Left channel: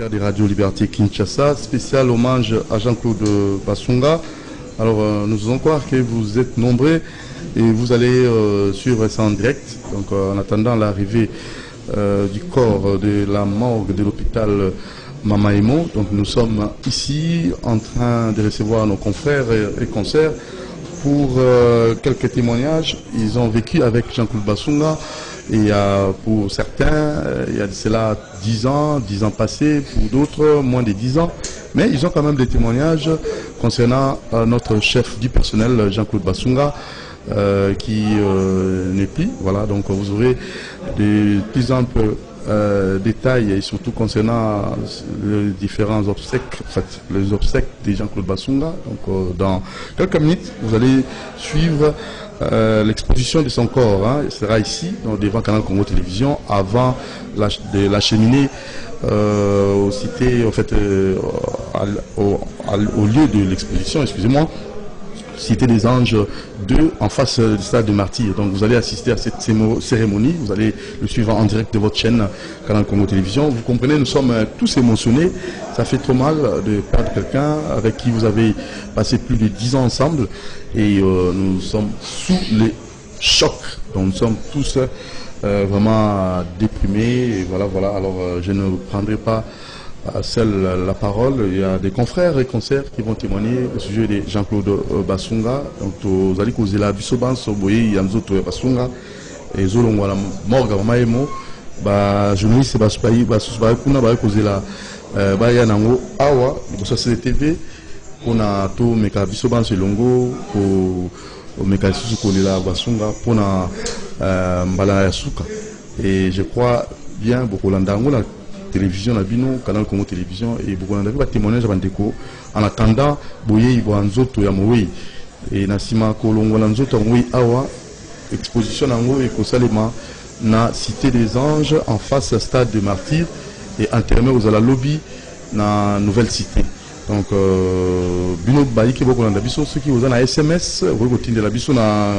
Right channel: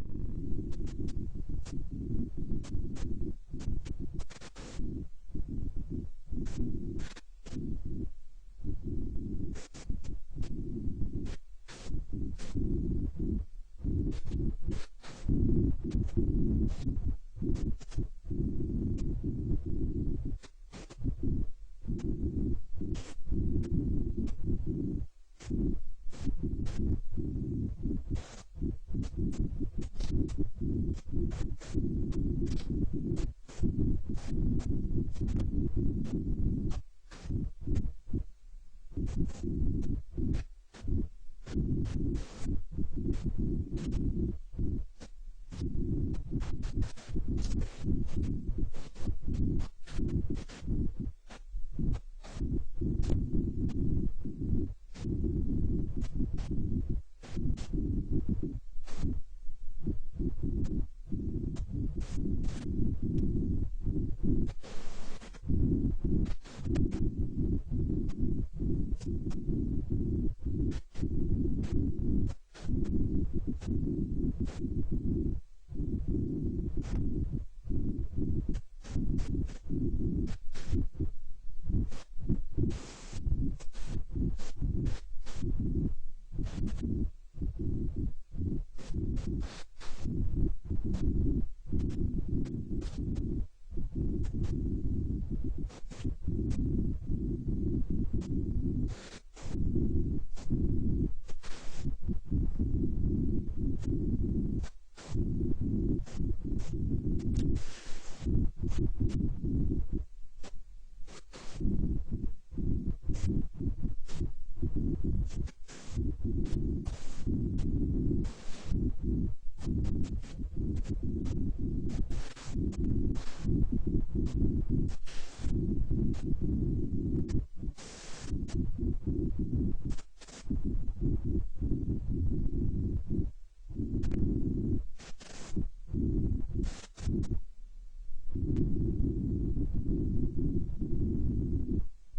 auditeurs de Radio Liberté Kinshasa, spécial hommage à Jean-Claude Basunga. Alors, nous faisons croire que vous êtes nombreux et vous allez suivre ça en direct. Donc, en attendant l'arrivée du corps de la morgue de l'hôpital Mamaimo. Donc, nous sommes ici en train de recevoir nos confrères et consoeurs pour quelques témoignages. Ils ont vécu avec Jean-Claude Basunga. Et pour certains, il y a de cela 10 ans passés, pour d'autres moins de 10 ans. Mais ils ont quand même des témoignages concernant notre chef du personnel, Jean-Claude Basunga, qui n'est plus. Voilà, donc vous aurez des plus amples détails, et surtout concernant les différents obsèques, en fait, les obsèques de Jean-Claude Basunga. Donc dans quelques minutes, vous allez suivre l'exposition de son corps, hein. Il sera ici, donc, devant Canal Congo Télévision, avant de l'acheminer au cité, en fait, au lieu de l'exposition, excusez-moi, Cité des Anges 2, en face du stade de Martyrs. Donc vous allez assister à cette cérémonie, vous allez le suivre en direct de votre chaîne Canal Congo Télévision. Vous comprenez, nous sommes tous émotionnés. Ça fait trop mal de perdre quelqu'un avec qui vous avez passé plus de 10 ans ensemble. Et nous sommes sous les chocs. Donc nous sommes tous vraiment déprimés. Et voilà, voilà. Alors je ne prendrai pas seule la parole. Il y a des confrères et consoeurs qui vont témoigner au sujet de Jean-Claude Basunga. Donc, vous allez causer la Bissoban, Soboye, Yamzoto Basunga, et Zolongo, la Morga, Maemo, journaliste Baspaï, Basusbaï, Kuna, causer la Bayanango, Awa, sur CTV, on a tout Meka Bissoban, Selongo, pour Meka Susukonela Basunga, pour Mbala Yasuka. Et je crois bien, beaucoup l'andango, télévision na bino Canal Congo Télévision et beaucoup de témoignages bandeko en attendant boye ibanzoto ya moyi et nasima kolongo na nzoto moyi awa exposition nango et kosalema na Cité des Anges en face stade de Martyrs et enterré aux la lobby na nouvelle cité. Donc bino baiki boko na biso ceux qui na SMS vous continuer la biso na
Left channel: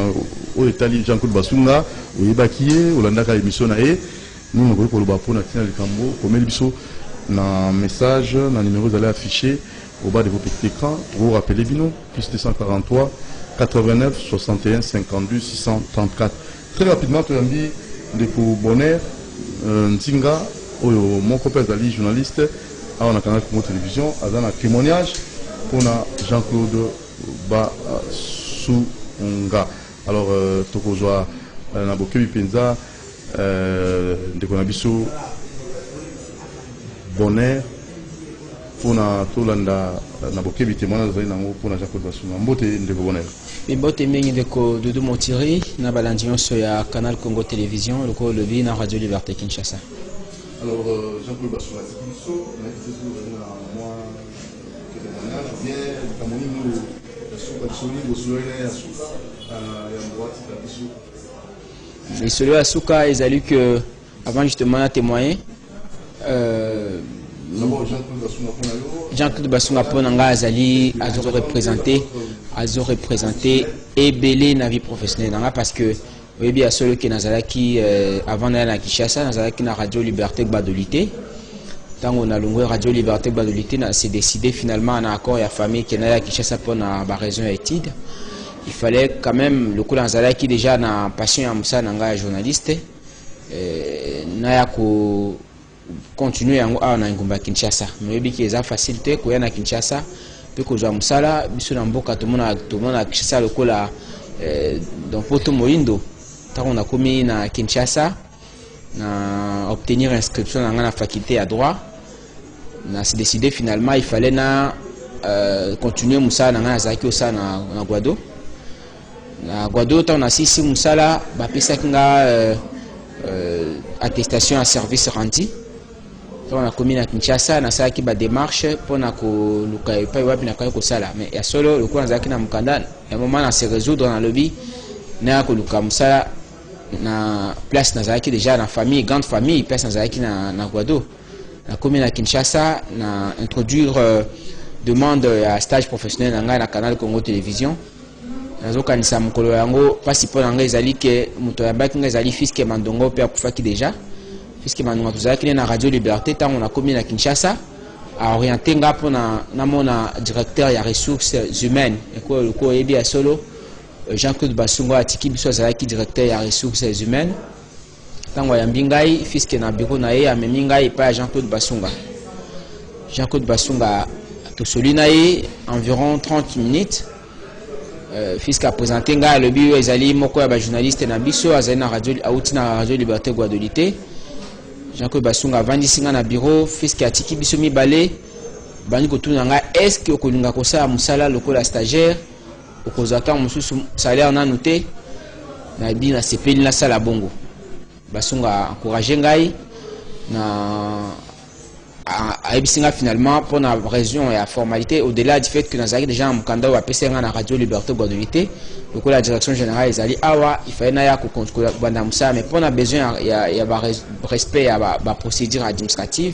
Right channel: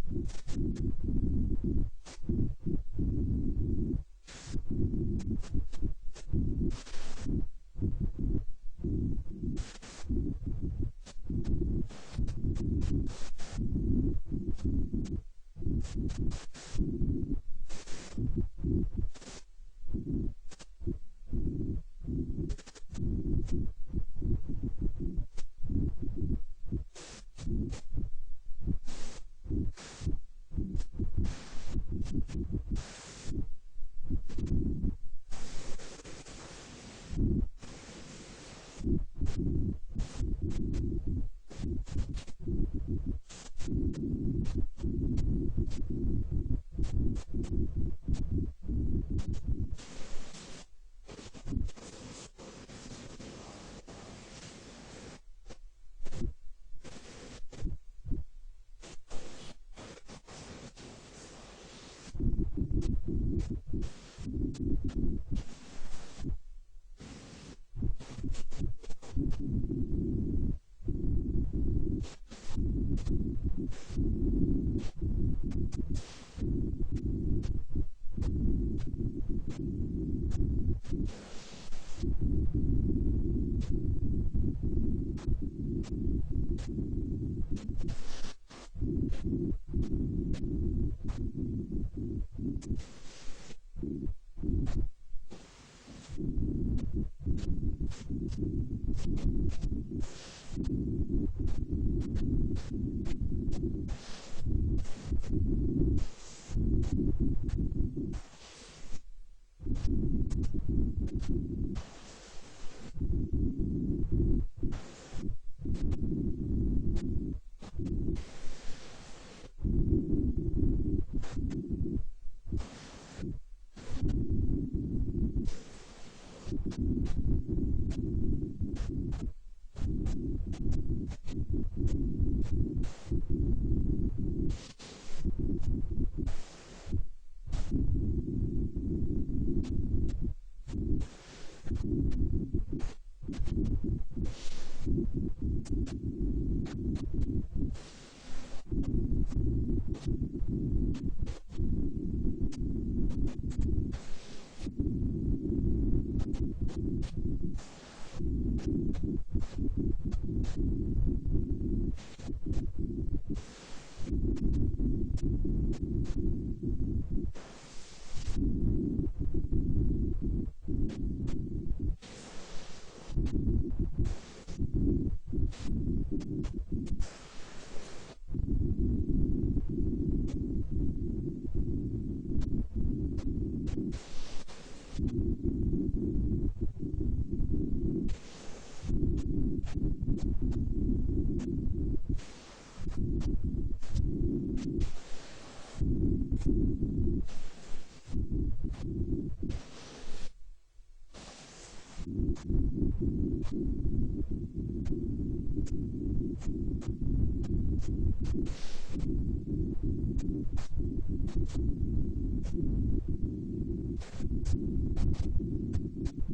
au Italie Jean-Claude Basunga ou ebakié olanda ka émission na e. Nous avons pour le Bapou, comme un message, un numéro vous allez afficher au bas de votre petit écran. Vous rappelez Bino, plus 243 89 61 52 634. Très rapidement, tu as dit de bonheur, Ntinga, mon copain Zali, journaliste, on a Canal Congo Télévision, on a un témoignage pour Jean-Claude Basunga. Alors, Tokozoa, Naboke Bipenza, de Konabiso bonheur pour na tolanda na bokebi témoignage za nango pour na Jean-Claude Basunga mbote de bonheur mbote mingi de ko Doudou Motiri na balandion so ya Canal Congo Télévision le ko lebi na Radio Liberté Kinshasa. Alors Jean-Claude Basunga c'est na toujours na moi que témoignage bien kamoni nous so soni bosoyena ya suka ya mbwati kabiso. Et celui à Souka, ils ont lu que, avant justement de témoigner, Jean-Claude Basunga Ponanga Azali a représenté et belé na vie professionnelle parce que oui bien celui qui Nazalaki avant d'aller à Kinshasa Nazalaki na Radio Liberté Badolité. Tant on a longué Radio Liberté Badolité, c'est décidé finalement en accord et à famille qui n'a à Kinshasa pour na raison étude. Il fallait quand même le coup d'Anzala qui déjà n'a passion à Moussa Nanga journaliste n'a ko continuer à Ngumba Kinshasa mais bien qu'il y a facilité qu'on y a Kinshasa puis qu'on joue Moussa là biso na mboka tout le monde a Kinshasa le coup là donc Poto Moindo tant on a commis na Kinshasa na obtenir inscription dans la faculté à droit na s'est décidé finalement il fallait na continuer Moussa Nanga Zaki au sa na Guado. Kwa d'autres on a sisi musala ba pesa kinga attestation à service rendu on a commis na Kinshasa na ça qui ba démarche pour na ko luka pa wapi na ko sala mais ya solo le kwa zaki na mukanda ya moment na se résoudre dans le lobby na ko luka musala na place na zaki déjà na famille grande famille place na zaki na Guado na commis na Kinshasa na introduire demande à stage professionnel na Canal Congo Télévision. Nazokanisa mukolo yango pasi po nanga ezali ke muto ya baki nga ezali fiske mandongo pe akufaki déjà fiske mandongo tozalaki na Radio Liberté tant on a commis na Kinshasa a orienté nga pour na mona directeur ya ressources humaines ko yebi ya solo Jean-Claude Basunga atiki biso azalaki directeur ya ressources humaines tango ya mbingai fiske na bureau na ye amemi ngai pa ya Jean-Claude Basunga tosoli na ye environ 30 minutes fiske a présenté ngai alobi ezali moko ya ba journaliste na biso azali na radio auti na radio Liberté Guadeloupe. Jean-Claude Basunga avandisi nga na bureau fiske atiki biso mibale bani kotuna nga est-ce que okolinga kosala musala lokola stagiaire okozaka mosusu salaire nanu te na bi na sepeli na sala bongo. Basunga encouragé ngai na ayebisinga finalement pour la raison et la formalité au-delà du fait que nous avons déjà un mukanda ou apc nga na radio Liberté Guadeloupe donc la direction générale ezali awa il fallait na ya ko contrôler banda musa mais pour na besoin il y a respect à ba procédure administrative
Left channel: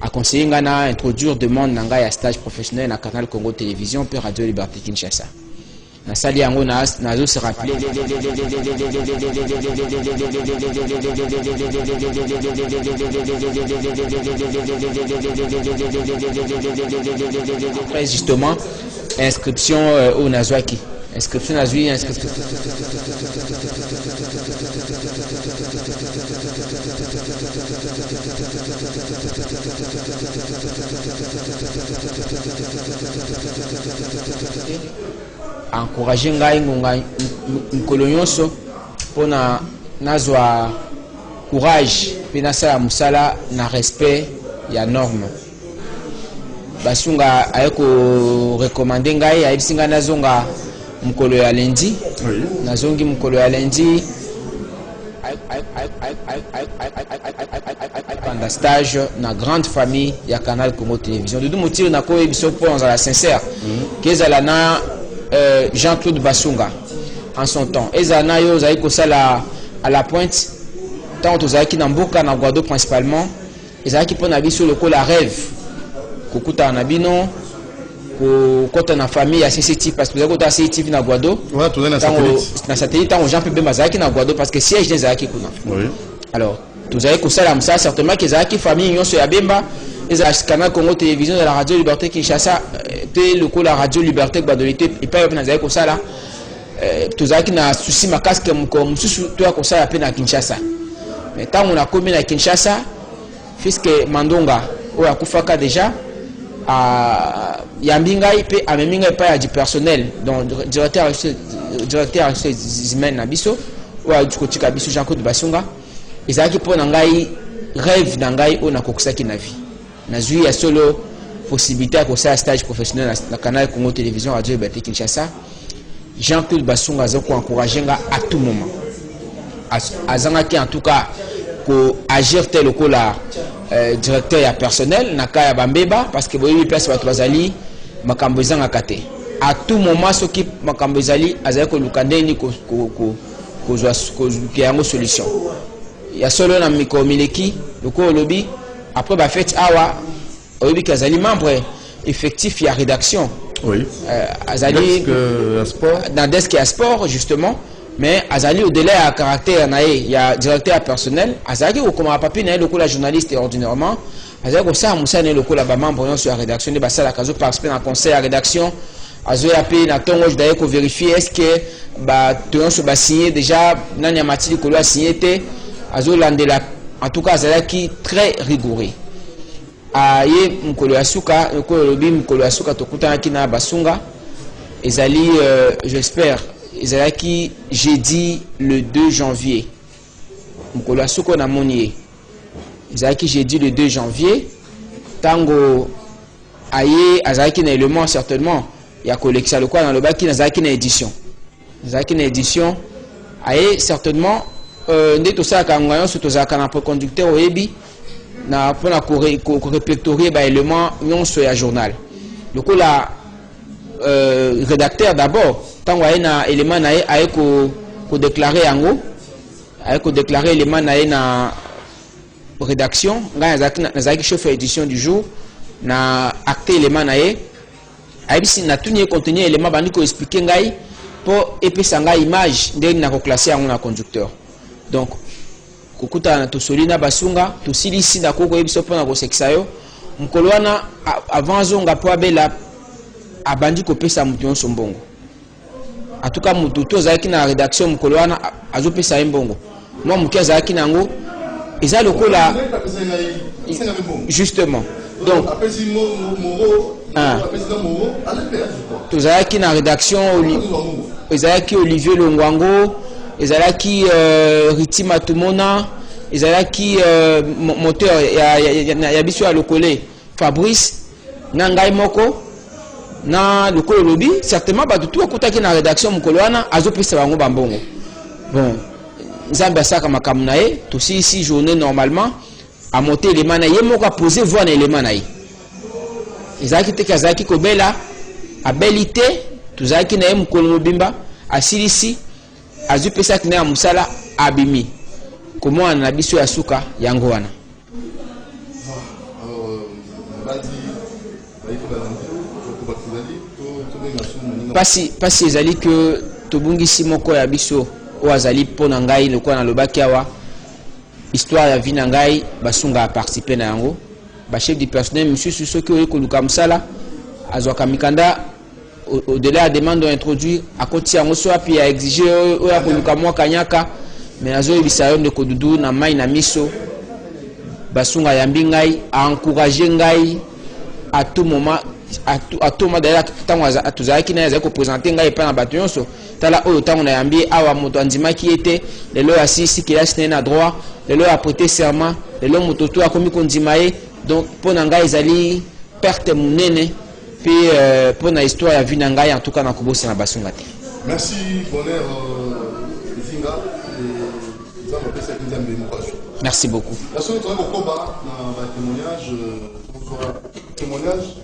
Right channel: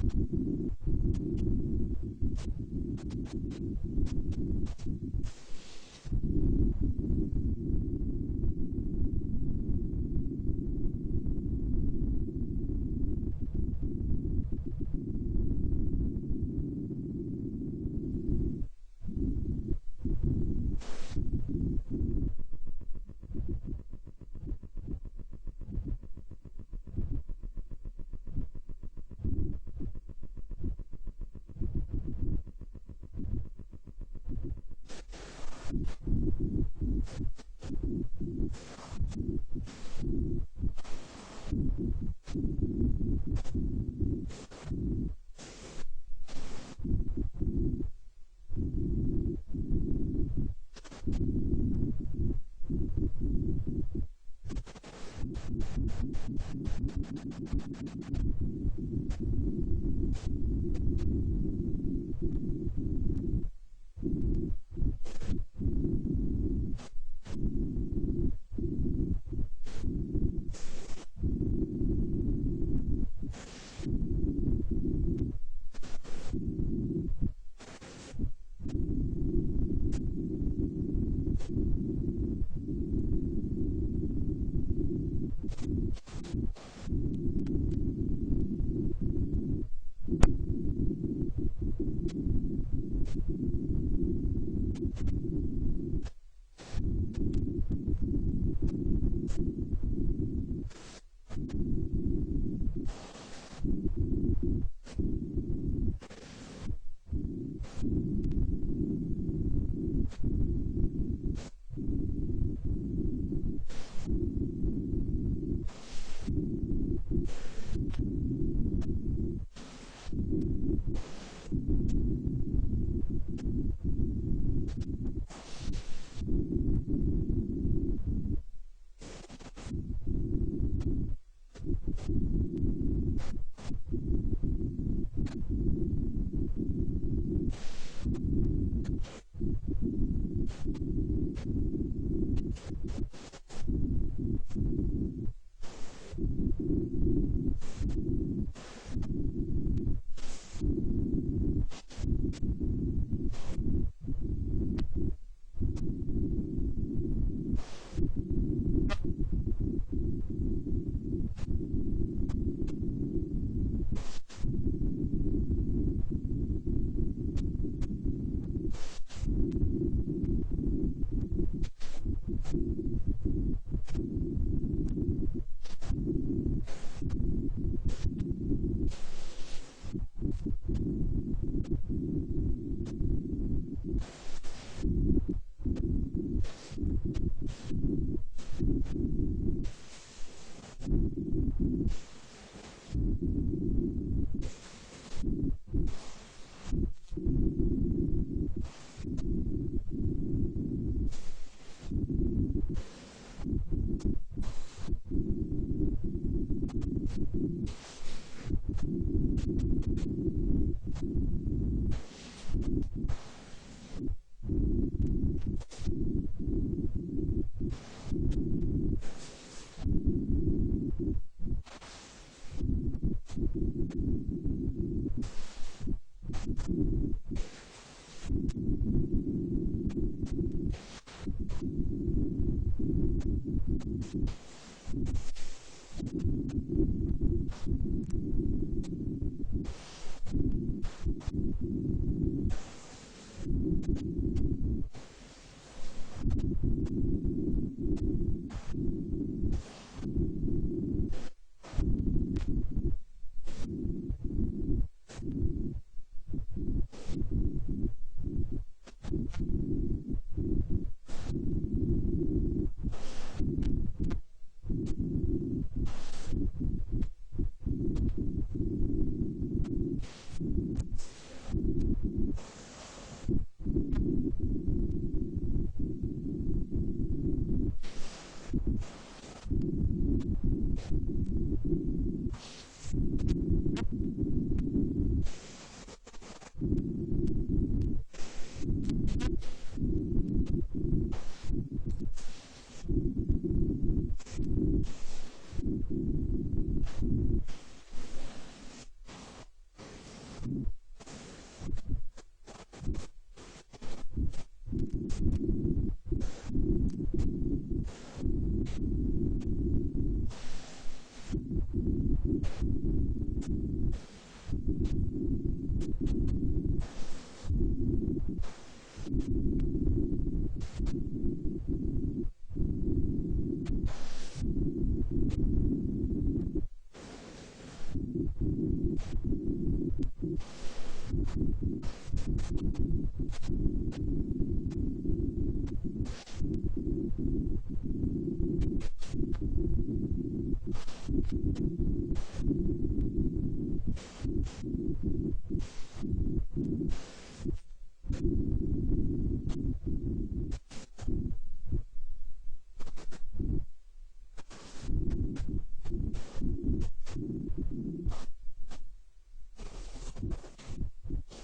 a conseiller nga na introduire demande nanga ya stage professionnel na Canal Congo Télévision puis Radio Liberté Kinshasa na sali yango nazo se rappeler après justement inscription au Nazwaki inscription Nazwi inscription encourager ngai ngonga nkolo nyonso pona nazwa courage pena sala musala na respect ya norme. Basunga ayeko recommander ngai ayisinga nazonga mukolo ya lundi nazongi mukolo ya lundi pendant stage na grande famille ya Canal Congo Télévision de motif na ko ebiso pour la sincère kezala na Jean-Claude Basunga en son temps ezana yo zai ko sala à la pointe tant tozaki na mboka na Guadeloupe principalement ezaki pona biso lokola rêve kokuta na bino ko kota na famille ya CCTV parce que vous avez CCTV na Guadeloupe ouais tourner na satellite tant Jean Pebe Mazaki na Guadeloupe parce que siège des zaki kuna oui alors tozaki ko sala ça certainement que zaki famille nyonso ya Bemba ezaki Canal Congo Télévision de la Radio Liberté Kinshasa pe lokola Radio Liberté Guadeloupe et pas na zaki ko sala tozaki na souci makasi ke mususu to ya ko sala pe na Kinshasa mais tant on a commis na Kinshasa puisque Mandonga o akufaka déjà a yambingai pe ameminga pa ya du personnel donc directeur humain na biso o akotika biso Jean-Claude Basunga ezaki pona ngai rêve na ngai o nakokusaki na vie nazui ya solo possibilité ya kosala stage professionnel na Canal Congo Télévision Radio Liberté Kinshasa. Jean-Claude Basunga azoko encourager nga à tout moment azangaki en tout cas ko agir tel lokola directeur ya personnel na kaya bambeba parce que boyebi place bato bazali makambo ezanga kate à tout moment soki makambo ezali azali ko lukandeni ko yango solution ya solo na mikomileki loko lobi après ba fête awa oyebi kazali membre effectif ya rédaction oui azali dans desk ya sport justement mais azali au-delà à caractère naé il y a directeur personnel azali ko comme papier naé lokola journaliste ordinairement azali ko ça musa naé lokola ba membre sur la rédaction de basala kazo participer dans conseil à rédaction azo appelé na tongo je d'ailleurs ko vérifier est-ce que ba tongo so ba signé déjà nani amati ko lo signé té azo landela en tout cas azali qui très rigoureux aye mukolo ya suka ko lobi mukolo ya suka tokutana kina Basunga ezali j'espère ezalaki jeudi le 2 janvier mukolo asuko na monier ezalaki jeudi le 2 janvier tango aye azalaki na élément certainement ya collection le quoi dans le baki nazalaki na édition aye certainement nde tosalaka ngayon so tozalaka na conducteur oyebi na pona ko répertorier ba élément nyonso ya journal lokola rédacteur d'abord tango aye na élément na ye aye ko déclarer yango aye ko déclarer élément na ye na rédaction nga nazaki chef édition du jour na acté élément na ye aye bisi na tuni contenu élément bandi ko expliquer ngai po epesa ngai image ndenge na ko classer yango na conducteur donc kokuta na tosoli na Basunga tosilisi na koko yebiso pona ko sekisa yo mokolo wana avant azonga po abela abandi kopesa mutu nyonso mbongo. En tout cas mutu to azalaki na rédaction mokolo wana azopesa ye mbongo. Moi moki azalaki nango eza lokola justement. Donc tozalaki na rédaction ezalaki Olivier Longwango, ezalaki Riti Matumona, ezalaki moteur ya biso ya lokole Fabrice na ngai moko na lokolo lobi certainement bato tout akutaki na rédaction mokolo wana azopesa bango bambongo. Bon nzambe asaka makambo na ye tosi ici journée normalement a monter élément na ye moko a poser voix na élément na ye ezalaki te kazalaki kobela abelite tozalaki na ye mokolo mobimba asilisi azopesaki na ya mosala abimi komona na biso ya suka yango wana. Pasi ezali que tobungisi moko ya biso o azali pona ngai lokola na lobaki awa histoire ya vie na ngai basunga a participer na yango ba chef du personnel monsieur soki oyi koluka msala azwaka mikanda au-delà de demande d'introduire à côté yango so api a exiger o ya koluka mwa kanyaka mais azoyebisa yo ndeko dudu na mai na miso basunga yambi ngai a encourager ngai à tout moment à tout moment d'ailleurs tango atuzaki na yazako présenter ngai pa na bato nyonso tala oyo tango na yambi awa moto andimaki ete lelo asisi kilasi na droit lelo a prêté serment lelo moto to akomi kondima ye donc pona ngai ezali perte munene puis pona histoire ya vie na ngai en tout cas na kobosa na basunga te. Merci Bonheur Zinga merci beaucoup. Témoignage.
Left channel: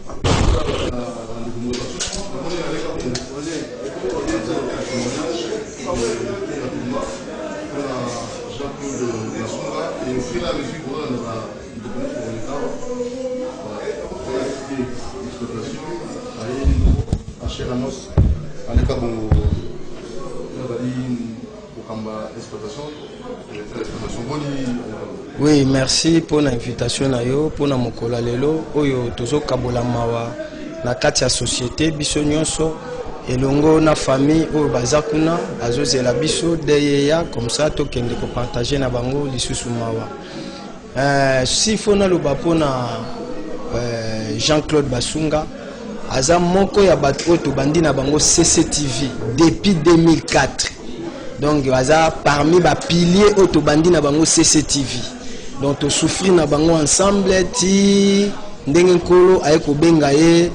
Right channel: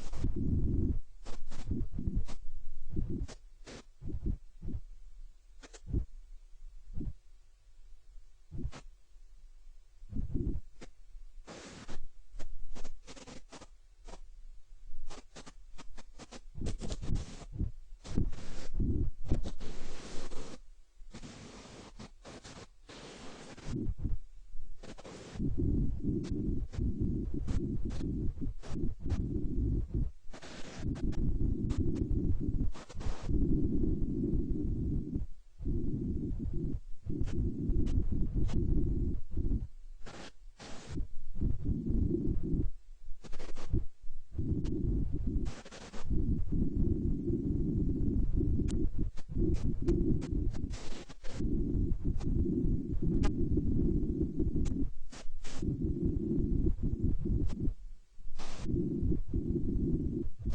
Oui, merci pour l'invitation na yo, pour na mokola lelo oyo tozo kabola mawa na kati ya société biso nyonso elongo na famille oyo bazakuna azozela biso deyeya comme ça tokende ko partager na bango lisusu mawa. Si fona loba pona Jean-Claude Basunga aza moko ya bato to bandi na bango CCTV depuis 2004. Donc aza parmi ba piliers auto bandi na bango CCTV. Donc to souffrir na bango ensemble ti ndenge nkolo ayeko benga ye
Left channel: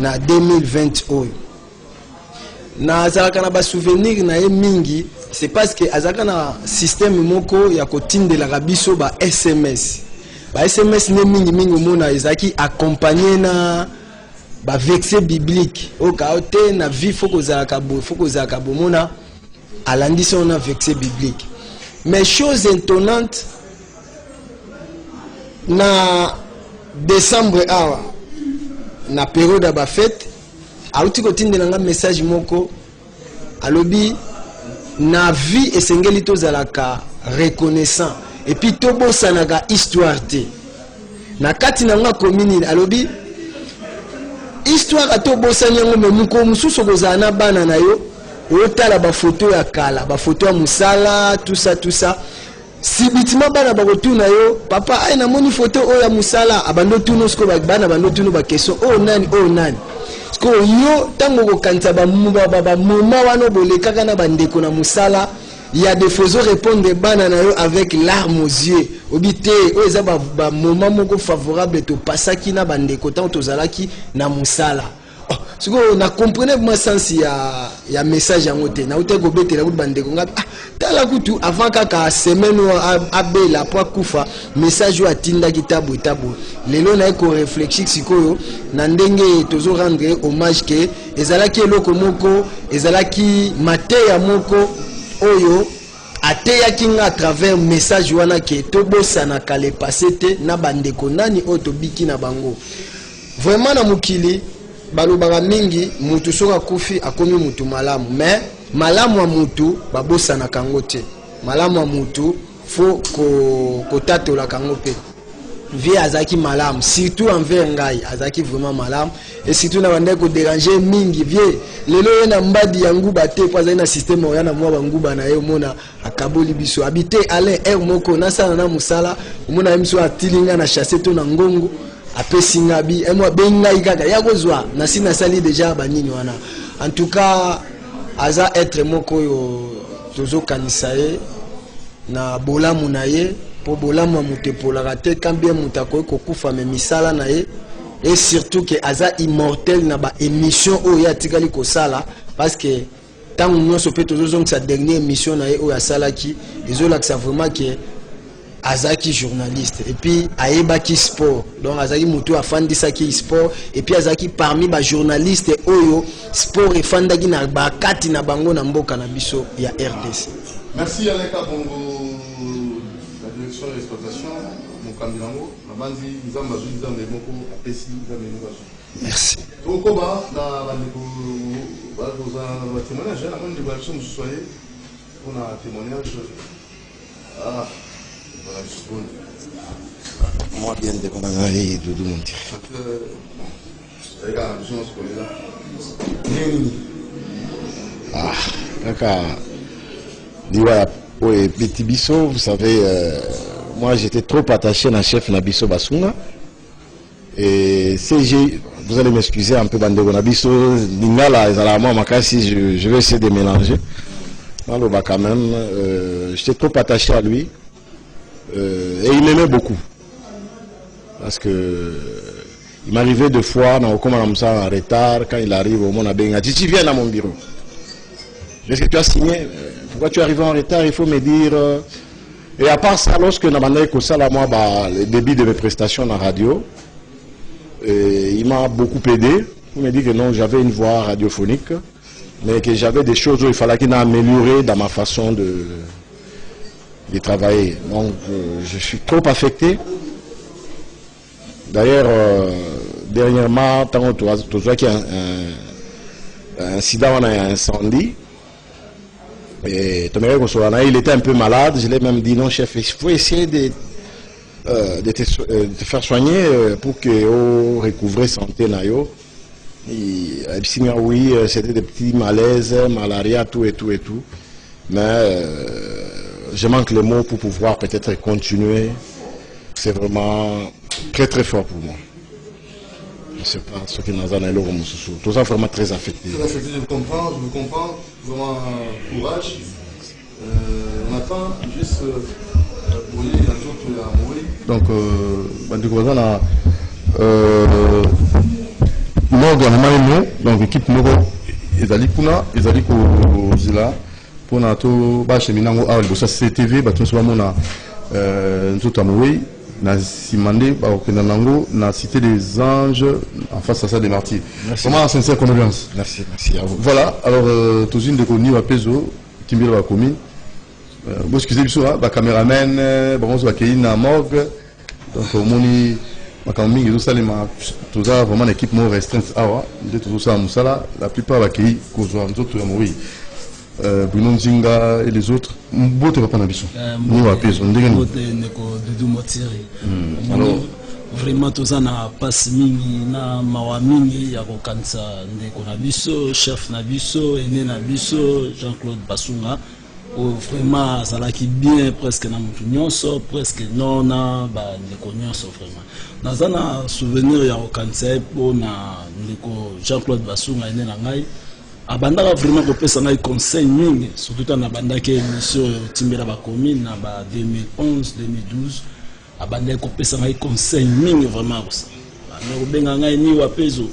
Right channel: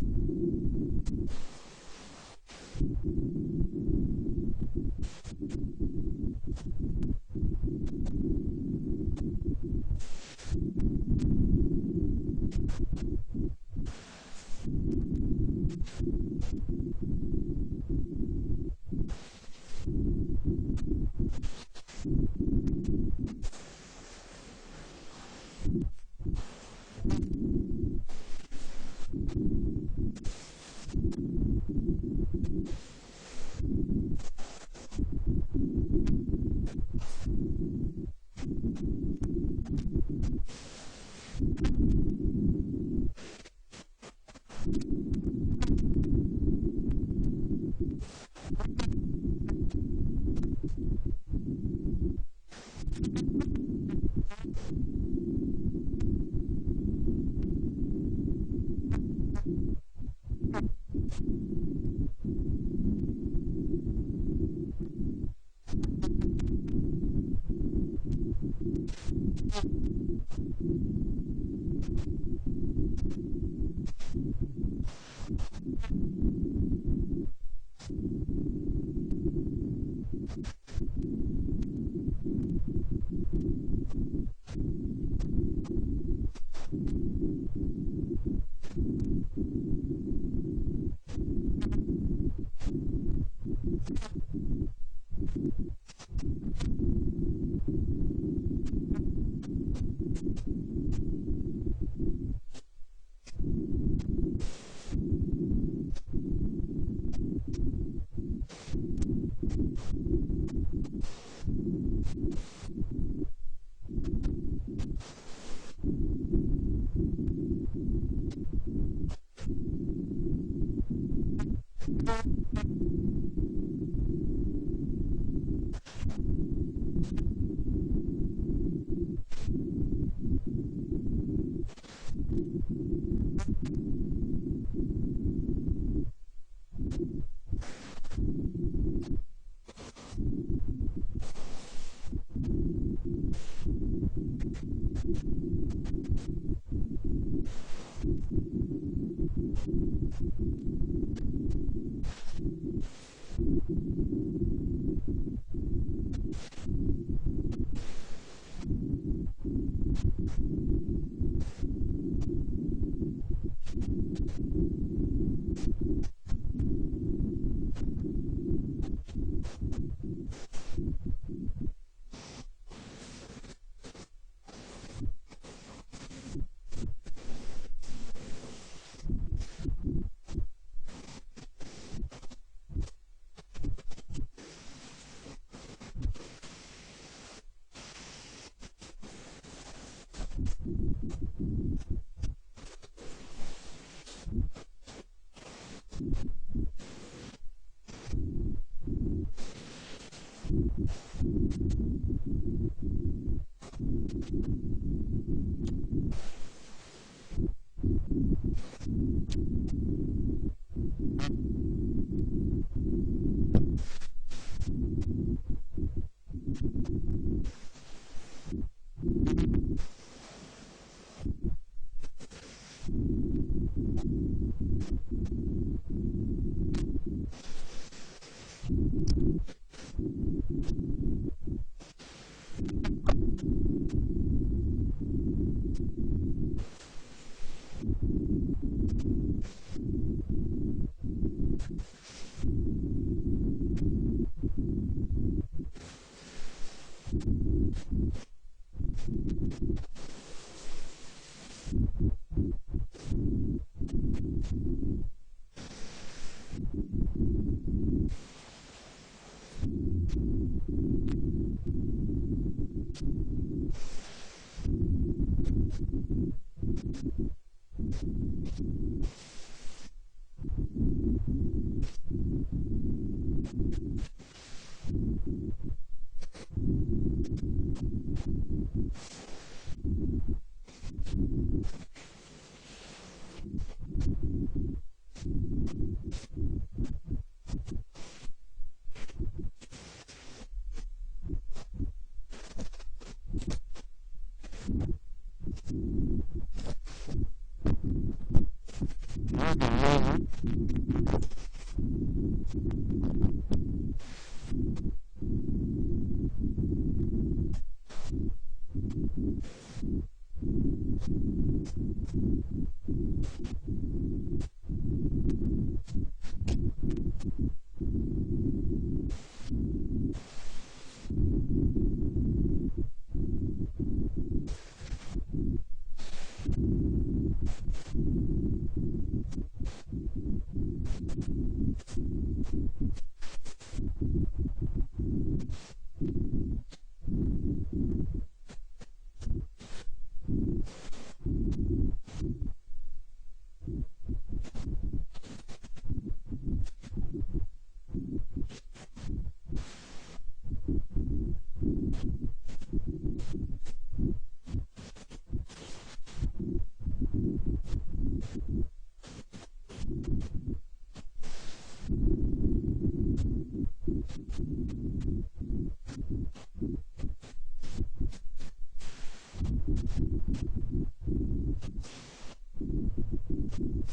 na 2020 oyo. Na azalaka na ba souvenir na ye mingi, c'est parce que azalaka na système moko ya kotindela biso ba SMS. Ba SMS ne mingi mona ezaki accompagné na ba verset biblique. O kaote na vie foko zalaka bomona alandisi on a verset biblique. Mais chose étonnante na décembre awa na période ba fête auti kotindela nga message moko alobi na vie esengeli tozalaka reconnaissant et puis tobosanaga histoire te na kati na nga commune alobi histoire atobosani yango memuko mususu kozala na bana na yo otala ba photo ya kala ba photo ya musala tout ça si bitima bana bakotuna yo papa ay na moni photo oya musala abando tuno sko bana bando tuno ba question oh nani sko yo tango ko kanta ba muma wana bolekaka na bandeko na musala il y a des faisons répondre bana na yo avec larmes aux yeux obité o eza ba moment moko favorable to pasaki na bandeko tango tozalaki na musala. Siko na comprenez moi sens ya message yango te na uté ko betela kuti bandeko ngapi tala kutu avant kaka semaine abela po kufa message yo atinda kitabu lelo na ko réfléchir sikoyo na ndenge tozo rendre hommage ke ezalaki eloko moko ezalaki mateya moko oyo ateyaki nga à travers message wana ke tobosana kale passé te na bandeko nani oyo tobiki na bango vraiment na mukili balobaka mingi mutu soka kufi akomi mutu malamu mais malamu wa mutu babosana kango te malamu wa mutu fo ko tatola kango pe vie azaki malam, surtout envers ngai azaki vraiment malam, et surtout na bande ko déranger mingi vie lelo na mbadi ya nguba te po azali na système oya na mwa banguba na ye mona akaboli biso habité Alain er moko na sana na musala mona miso atilinga na chasser to na ngongo apesi ngabi emwa bengai kaka ya kozwa na sina sali déjà banini wana. En tout cas aza être moko yo tozo kanisa ye na bolamu na ye po bolamu mutepolaka te quand bien mutako kokufa me misala na ye, et surtout que aza immortel na ba émission oyo atikali kosala parce que tant nyonso pe tozozong sa dernière émission na ye oyo asalaki ezolakisa vraiment que azaki journaliste et puis ayebaki sport, donc azaki mutu afandisaki sport et puis azaki parmi ba journaliste oyo sport efandaki na bakati na bango na mboka na biso ya RDC. Merci Alain Kabongo, la direction de l'exploitation, Mokambilango, Nabanzi, Nzamba, Nzamba, Moko, Apesi, Nzamba, Nzamba. Merci. Okoba, na témoignage, la moindre évaluation, vous soyez, on a un témoignage. Ah, voilà, je suis bon. Moi, bien de Konangari, Doudou Monti. Regarde, je pense qu'on est là. Ah, d'accord. Voilà, oui, Petit Bisso, vous savez, moi j'étais trop attaché à la chef Nabiso Basunga. Et si vous allez m'excuser un peu, Bandego Nabiso, Ningala, si je vais essayer de mélanger. Alors, bah, quand même, j'étais trop attaché à lui. Et il m'aimait beaucoup. Parce que il m'arrivait deux fois, on commence en retard, quand il arrive au monde à Benga, tu viens à mon bureau. Est-ce que tu as signé? Pourquoi tu es arrivé en retard? Il faut me dire. Et à part ça, lorsque nous avons ça, moi, le débit de mes prestations dans la radio, il m'a beaucoup aidé. Il m'a dit que non, j'avais une voix radiophonique, mais que j'avais des choses où il fallait qu'il m'améliorer dans ma façon de travailler. Donc, je suis trop affecté. D'ailleurs, dernièrement, tant que tu vois qu'il y a un incident, on a un incendie. Et il était un peu malade, je l'ai même dit non chef, il faut essayer de te faire soigner pour que tu recouvres santé. Et oui, c'était des petits malaises, malaria, tout et tout et tout. Mais je manque les mots pour pouvoir peut-être continuer. C'est vraiment très très fort pour moi. Je ne sais pas ce qui nous a donné l'eau. Tout ça vraiment très affecté. Très affecté, je comprends. Vraiment courage. On attend juste pour les autres à mourir. Donc, on a Morgan, donc l'équipe Moro, ils allaient pour Zila, pour nous cheminer à CTV, nous na Simandé, na cité des anges en face à ça des martyrs. Comment sincère condoléance. Merci, merci à vous. Voilà, alors tous une de Koni Wapezo, Timbilo wa commune. Vous excusez-moi, ba caméraman, bon on accueillir na morgue. Donc moni makambi tout ça les tout ça vraiment l'équipe moins restreinte awa, de tout ça musala, la plupart accueillir cause nous autres mourir. Bruno Nzinga et les autres, bote va pas na biso. Ni wa peso ndenge ni. Bote neko Dudu Motiri. Alors vraiment tous na passe mingi na mawa mingi ya kokanisa ndeko na biso, chef na biso, ene na biso, Jean-Claude Basunga. Vraiment ça qui bien presque na mutu nyonso, presque non na ba ndeko nyonso vraiment. Nazana souvenir ya kokanisa po na ndeko Jean-Claude Basunga ene na ngai. Abandaka vraiment kopesa ngai conseil mingi surtout dans abandaki émission Timbela ba commune na ba 2011 2012 abandaki kopesa ngai conseil mingi vraiment ça na kobenga ngai ni wapezo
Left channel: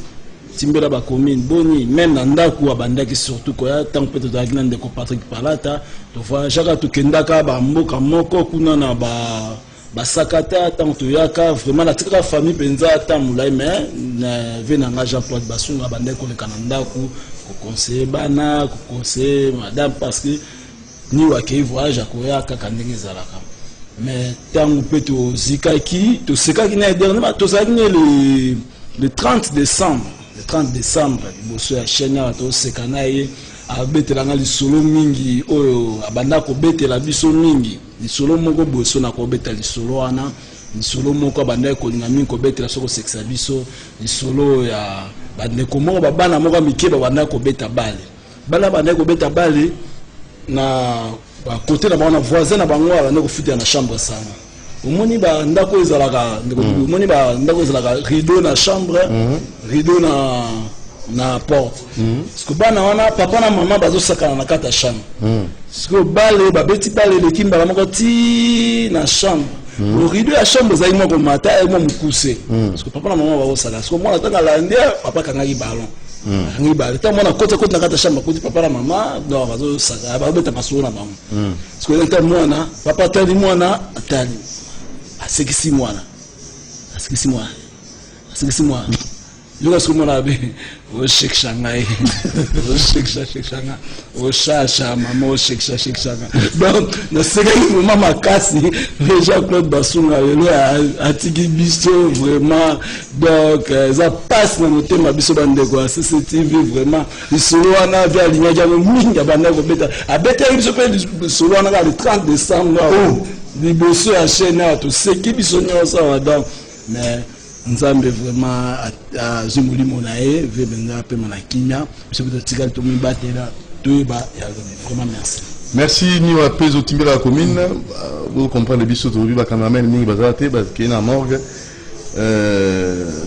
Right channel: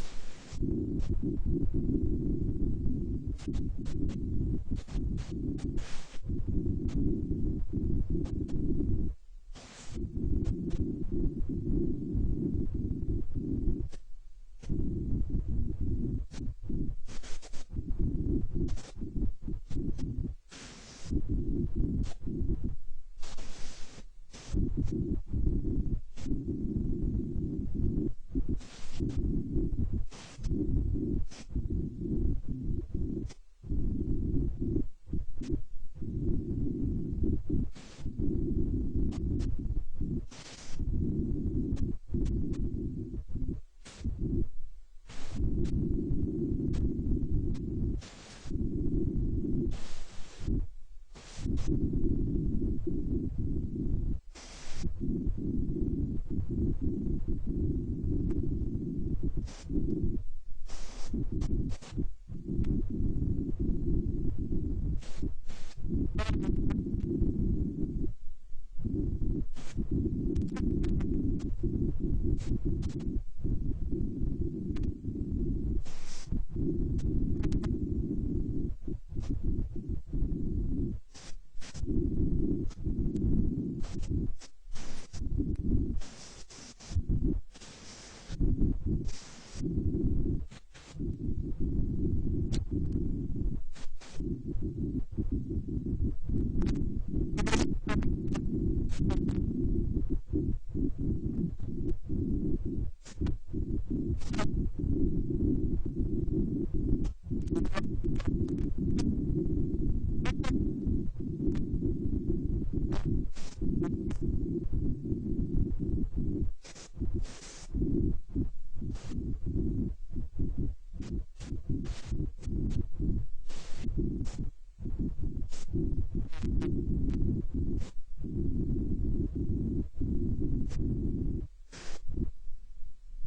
Timbela ba commune boni même na ndako abandaki surtout koya tant peut être avec ndeko Patrick Palata to fois jaka to kendaka ba mboka moko kuna na ba sakata tant to yaka vraiment la toute la famille penza tant mulai mais na venanga Jean-Claude Basunga abandaki ko le kanandako conseiller bana conseiller madame parce que ni wakei voyage akoya kaka ndenge ezalaka mais tango pe to zikaki na dernièrement to zaki le 30 décembre liboso ya chaîne to sekana ye abetelanga lisolo mingi oyo abanda kobetela biso mingi lisolo moko boso na kobeta lisolo wana lisolo moko bandai kolinga mingi kobetela soko sexa biso lisolo ya bandeko moko babana moko mike babandai kobeta bale bala bandai kobeta bale na côté na bango na voisin na bango bandai kofutela na chambre sanga omoni bandako ezalaka omoni bandako ezalaka rideau na chambre rideau na porte parce que bana wana papa na mama bazosakana na kati ya chambre parce que bale babeti bale eleki mbala moko ti na chambre le rideau ya chambre ezali moko mata mo mokuse parce que papa na mama bazosala parce que mwana ntango alandi papa akangaki balon akangaki bale ntango mwana koti na kati ya chambre akoti papa na mama donc bazosaka bazobeta masolo na bango parce que ntango mwana papa atali mwana atali asekisi mwana yoka siku mwana be oshekisha ngai oshekisha oshasha mama oshekisha donc nasekaki mama makasi Jean-Claude Basunga lelo atiki biso vraiment donc eza passe na motema biso bandeko ya CCTV vraiment lisolo wana via lignage yango mingi ya bandeko kobeta abetaki biso mpe lisolo wana ka le 30 décembre liboso ya chaîne awa toseki biso nyonso awa donc mais nzambe vraiment azwi molimo na ye ve benga apema na kimia biso mpe totikali tomibatela toyeba vraiment merci niwa mpe zotimbela ya commune bocomprendre biso tolobi bacameraman mingi bazala te bakei na morgue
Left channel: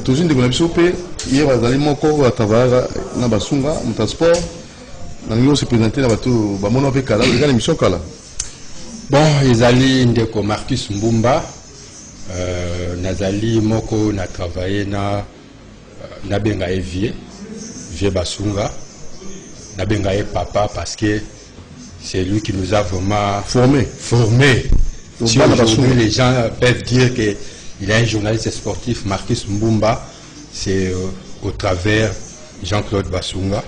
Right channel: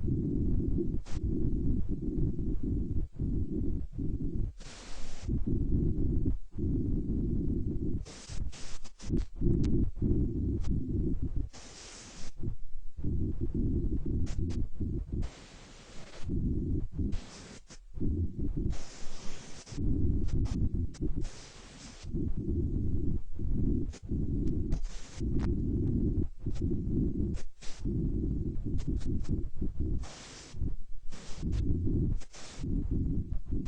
tozwi ndeko na biso mpe ye bazali moko atravayaka na basunga motransport nalingi ose présente na bato bamona mpe kala eza na émission kala bon ezali ndeko Marcus Mbumba nazali moko na travaillé na benga vie Basunga na benga papa parce que c'est lui qui nous a vraiment formé. Si aujourd'hui les gens peuvent dire qu'il est un journaliste sportif, Marcus Mbumba, c'est au travers Jean-Claude Basunga.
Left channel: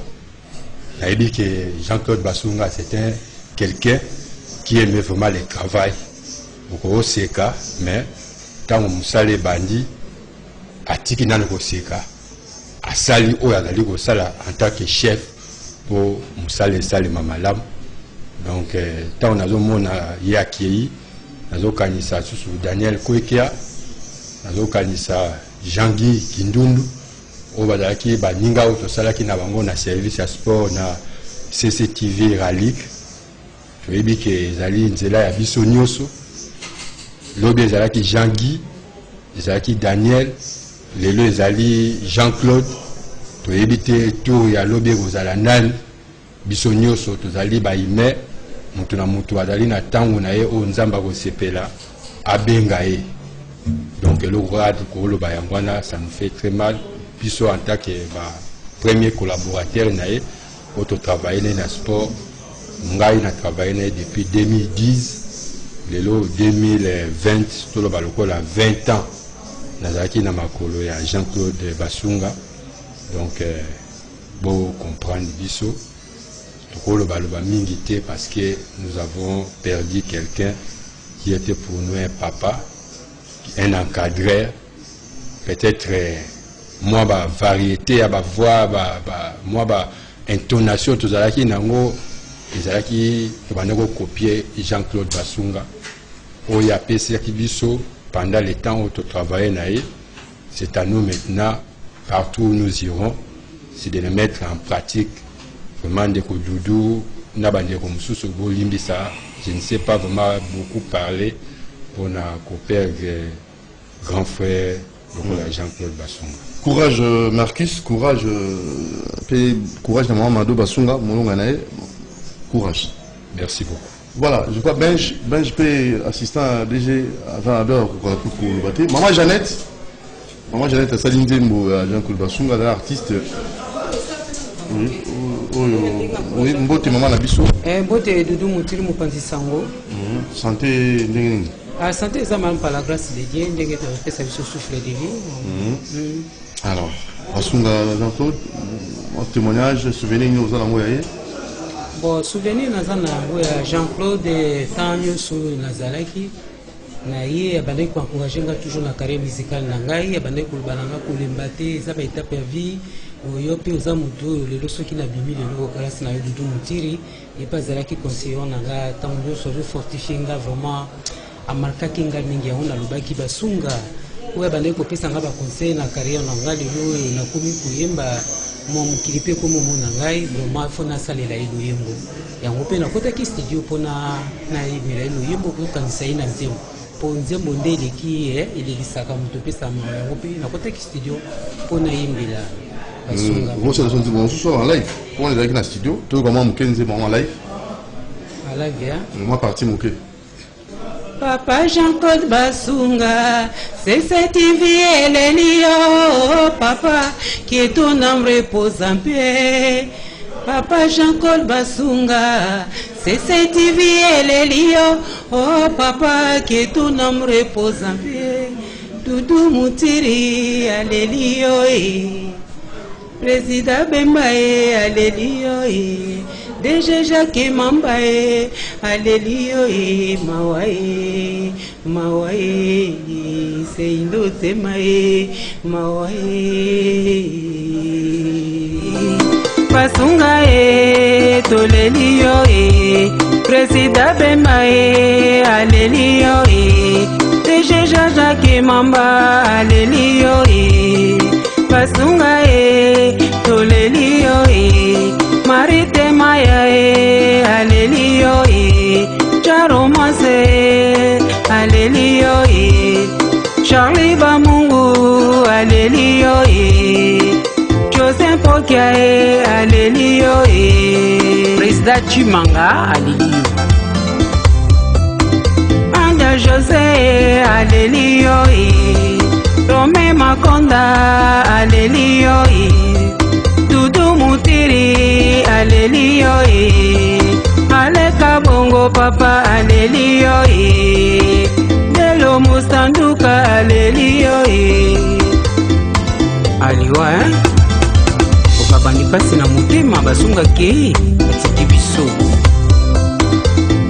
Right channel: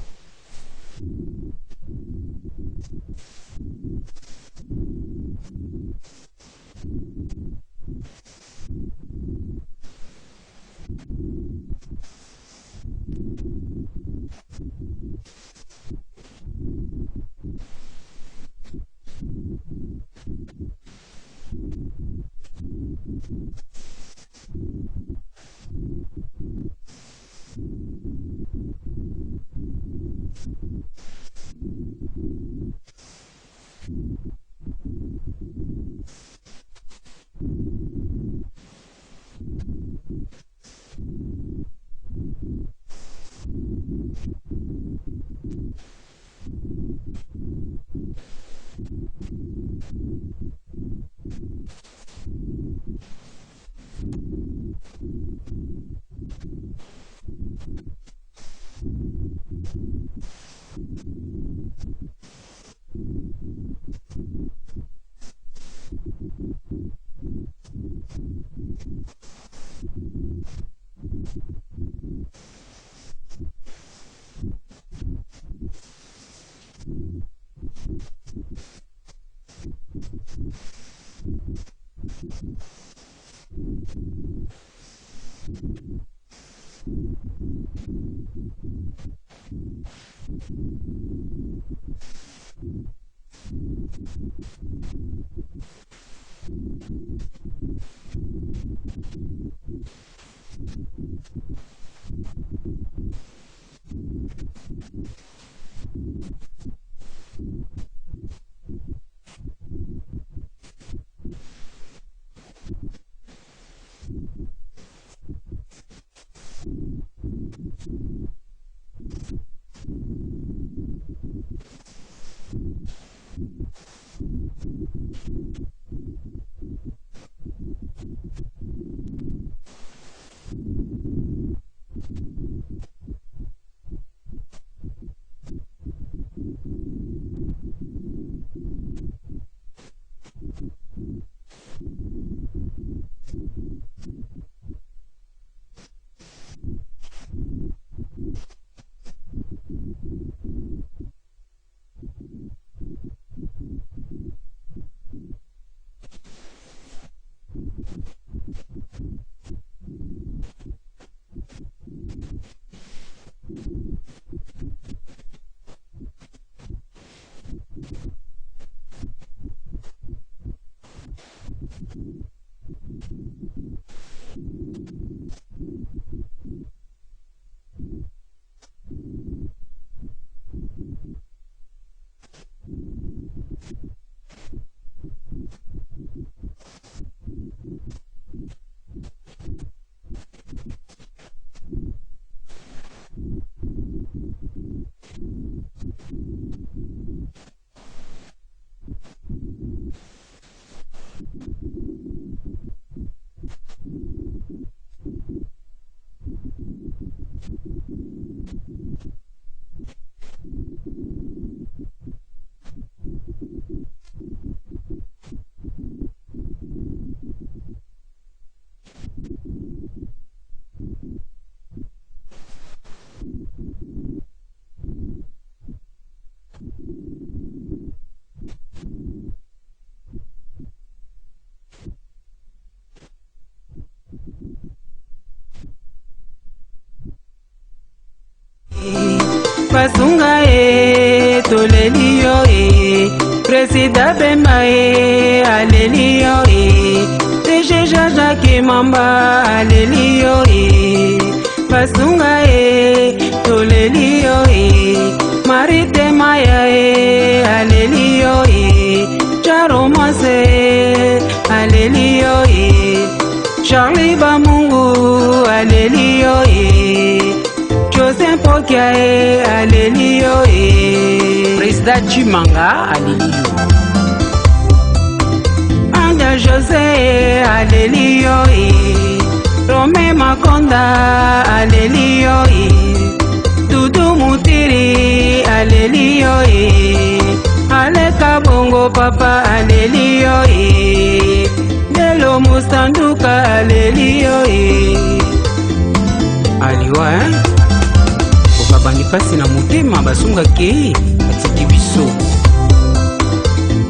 Il a dit que Jean-Claude Basunga c'était quelqu'un qui aimait vraiment le travail. Au Seka, mais tant que Moussale Bandi, a tiki dans le Seka, a sali ou a dali Sala en tant que chef pour Moussale Sali Mamalam. Donc, tant qu'on a mon Yaki, nazo kanisa sous Daniel Kouekia, nazo kanisa Jean-Guy Kindundu, au Badaki, Baninga, ou Sala qui n'a pas na service à sport, na CCTV Ralik. Je dis que Zali Nzela ya biso nyoso. Lobe ezalaki Jean-Guy, ezalaki Daniel, lelo ezali Jean-Claude, toyebi te tour ya lobe kozala nani, biso nyonso tozali baime, mutu na mutu azali na ntango na ye oyo nzambe akosepela abenga ye. Donc eloko kaka koloba yango wana ça nous fait très mal, biso en tant que premier collaborateur na ye oyo totravaille na ye na sport, ngai na travaille na ye depuis 2010. Lelo 2020, tout le baloko la 20 ans. Nazaki na makolo ya Jean-Claude Basunga. Donc, bon comprendre biso. Tout le baloba mingité parce que nous avons perdu quelqu'un qui était pour nous un papa, un encadreur. Peut-être moi ba variété, ba voix, moi ba intonation, tout ça qui nango. Ezalaki bandeko copier Jean-Claude Basunga oyo apesaki biso pendant le temps où tu travaillais naïe. C'est à nous maintenant partout où nous irons c'est de le mettre en pratique vraiment ndeko Doudou na bandeko mususu bolimbisa. Je ne sais pas vraiment beaucoup parler pour na perdre grand frère Jean-Claude Basunga. Courage Marcus, courage courage de Mamadou Basunga molonga nae. Courage. Merci beaucoup. Voilà, je crois Benj peut assistant DG avant l'heure pour le bâtir. Maman Jeannette, Saline Zembo, Jean-Claude Basunga, l'artiste. Oui, Mbote Maman Nabiso. Mbote Doudou Moutili Moupanzi Sango. Santé, santé, ça m'a par la grâce de Dieu, ndenge fait sa vie souffle de vie. Alors, Basunga Jean-Claude, un témoignage, souvenir nous allons envoyer. Bon, souvenir naza na ya Jean-Claude Tanyo so nazalaki na ye abandaki ko encourager nga toujours na carrière musicale na ngai abandaki ko balanga ko lembate za ba étape ya vie oyo pe oza mutu lelo soki na bimi lelo grâce na Doudou Moutiri et pas zalaki conseiller na nga tango so fortifier nga vraiment amarkaki nga mingi yango nalobaki basunga oyo abandaki kopesa nga baconseil na carrière na ngai lelo nakomi koyemba mwa mokili mpe komomona ngai vraiment fo nasalela ye loyembo yango mpe nakotaki studio mpona nayemela ye loyembo kokanisa ye na nzembo mpo nzembo nde elelisaka moto opesa mawa yango mpe nakotaki studio mpo nayembela basunga mosusu en live comment ezalaki na studio toyoka mwa moke nzembo en live alive mwa parti moke Papa Jean-Claude Basunga, c'est cette vie Elelio, papa, que ton âme repose en paix. Papa Jean-Claude Basunga, c'est cette vie Elelio, oh papa, que ton âme repose en paix. Doudou Moutiri, Alelio, Président Bembae, Alelio, Deja Jacques Mambae, Alelio, Mawae, Mawae, Seindo Temae, Mawae. Basunga Tolelio, Président Bembae, Alelio, Deja Jacques Mamba, Alelio, Basunga Tolelio, Marite Maya Alelio Charomase Alelio Charlie Bamungu Alelio Joseph Pokia Alelio Président Chimanga Alelio Anda José Alelio Rome Makonda Alelio Dudu Mutiri, Alelio, Aleka Bongo Papa, Alelio, Delo Mustanduka, Alelio, Aliwa, Okabani pasi na mutema basunga ke, atiki biso.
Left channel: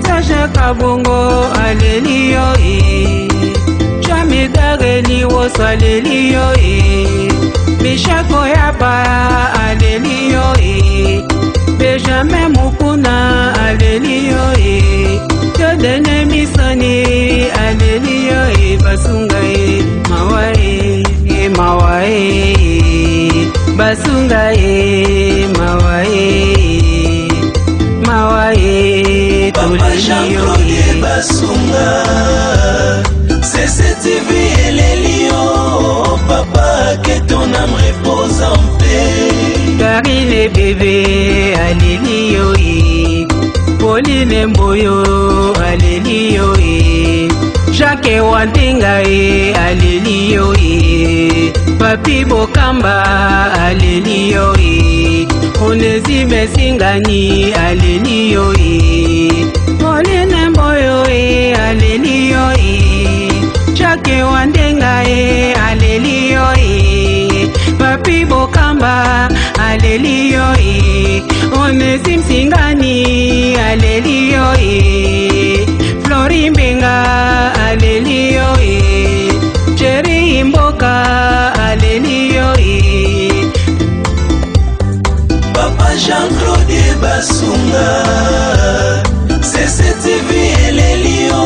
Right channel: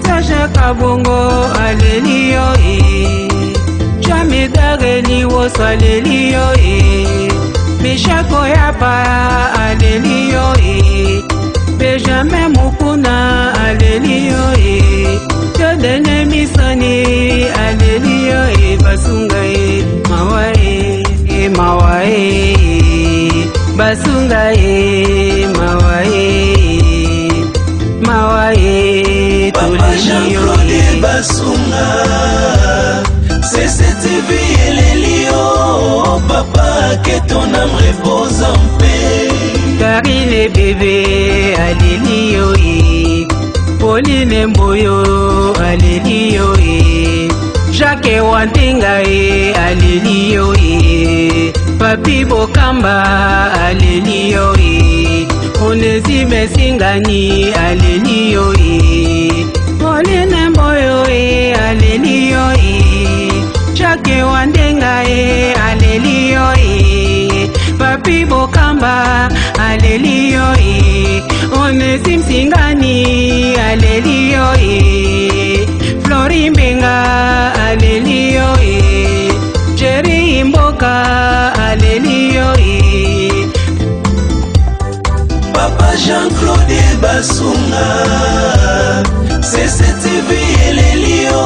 Sacha Kabongo, Alelio, Jamidare Liwos, Alelio, Bishako Yapa, Alelio, Benjamin Mukuna, Alelio, Jodene Misani, Alelio, Basunga, Mawae, Mawae, Basunga, Mawae, Mawae, Tolelio, Basunga, c'est cette vie, Alelio, papa, que ton âme repose en paix. Karine bébé, Alelio, Pauline Mboyo, Alelio, Jacques Wantinga, Alelio, Papi Bokamba, Alelio, Onésime Singani, Alelio, Pauline Mboyo, Alelio, Jacques Wantinga, Alelio, Papi Bokamba, Alelio, Onésime Singani, Alelio, Flori Mbenga, Alelio, Jerry Mboka, Alelio, Papa Jean-Claude Basunga, c'est cette vie, Alelio,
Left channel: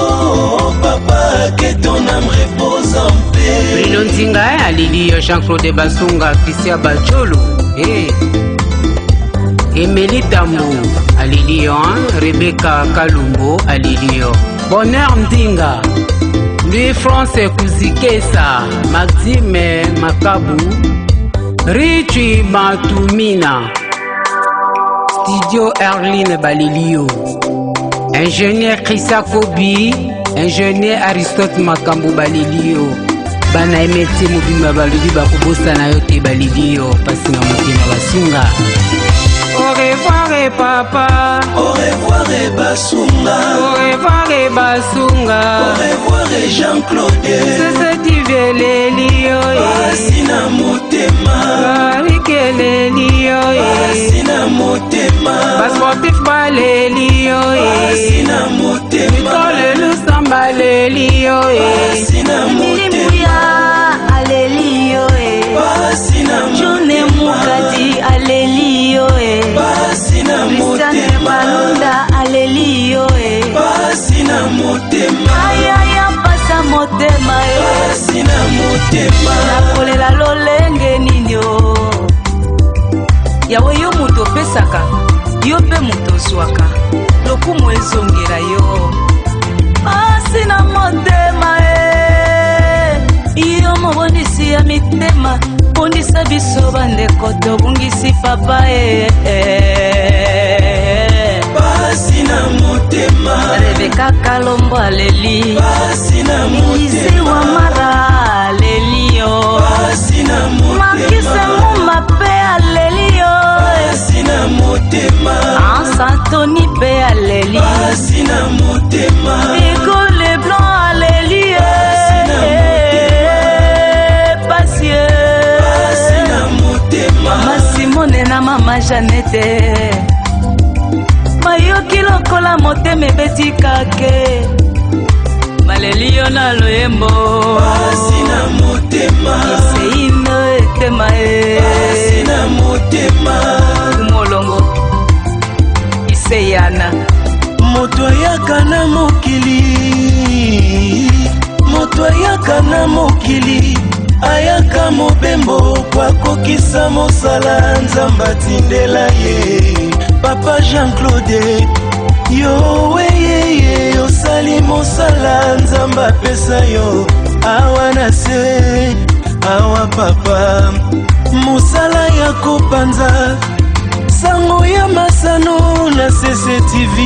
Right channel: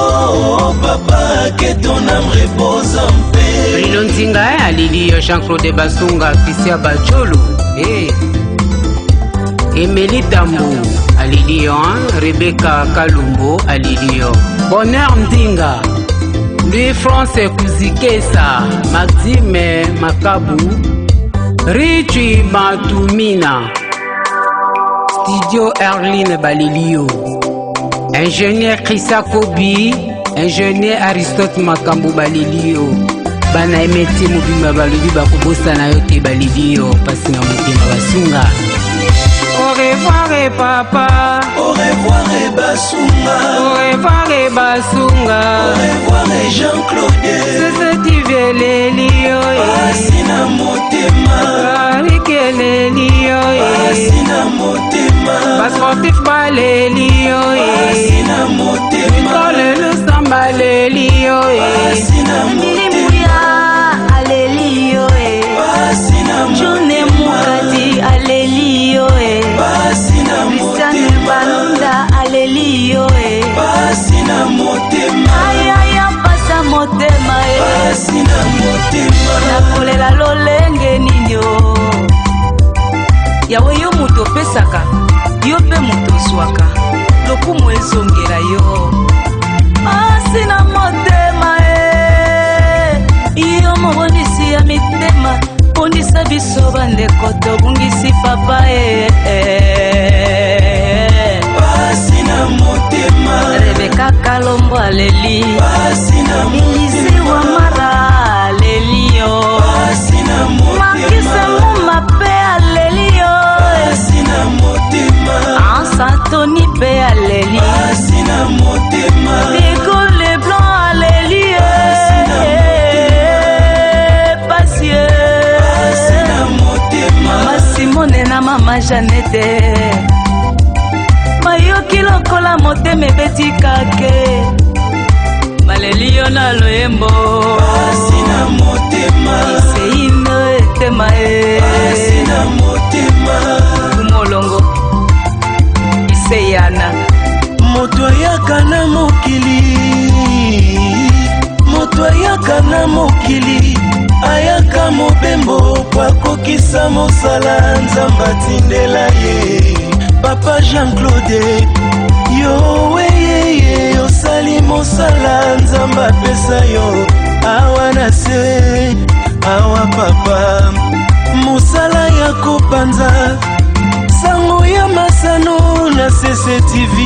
papa, que ton âme repose en paix. Bruno Nzinga, Alelio, Jean-Claude Basunga, Christian Bacholo, Emily Tambo, Alelio, Rebecca Kalumbo, Alelio, Bonheur Ndinga, Louis-France Kuzikesa, Maxime Makabu, Richie Matumina, Studio Erline Balilio, Ingénieur Chrissa Kobi, Ingénieur Aristote Makambu Balilio, Bana emeti mubimba balubi bakubosa na yote Balilio, pasi na mutima basunga. Au revoir papa, au revoir Basunga, au revoir Basunga, au revoir Jean-Claude, c'est ce qui veut les lios, Basina Motema, avec les lios, Basina Motema, bas sportif ba les lios, Basina Motema, Nicole Lusamba les lios, Basina Mouya, Alelio, John Mukadi, Alelio, Christiane Balunda, Alelio, Basina Motema, Ayaya motema nakolela lolenge ninyo yawe yo moto opesaka yo mpe moto ozwaka lokumu ezongela yo pasi na motema yo mobondisi ya mitema bondisa biso bandeko tobungisi papa pasi na motema Rebeka Kalombo aleli Elise Wamara alelio Makise Muma pe alelio Ansantoni pe aleli Diego Leblanc aleli Pasie Mama Simone na mama Janete Mayoki lokola motema ebeti kake maleli yo na loyembo iseino etema kumolongo iseyana moto ayaka na mokili ayaka mobembo po akokisa mosala nzambe atindela ye papa Jean-Claude yo weyeye osali mosala nzambe apesa yo awa na se awa papa mosala ya kopanza sango ya masano na CCTV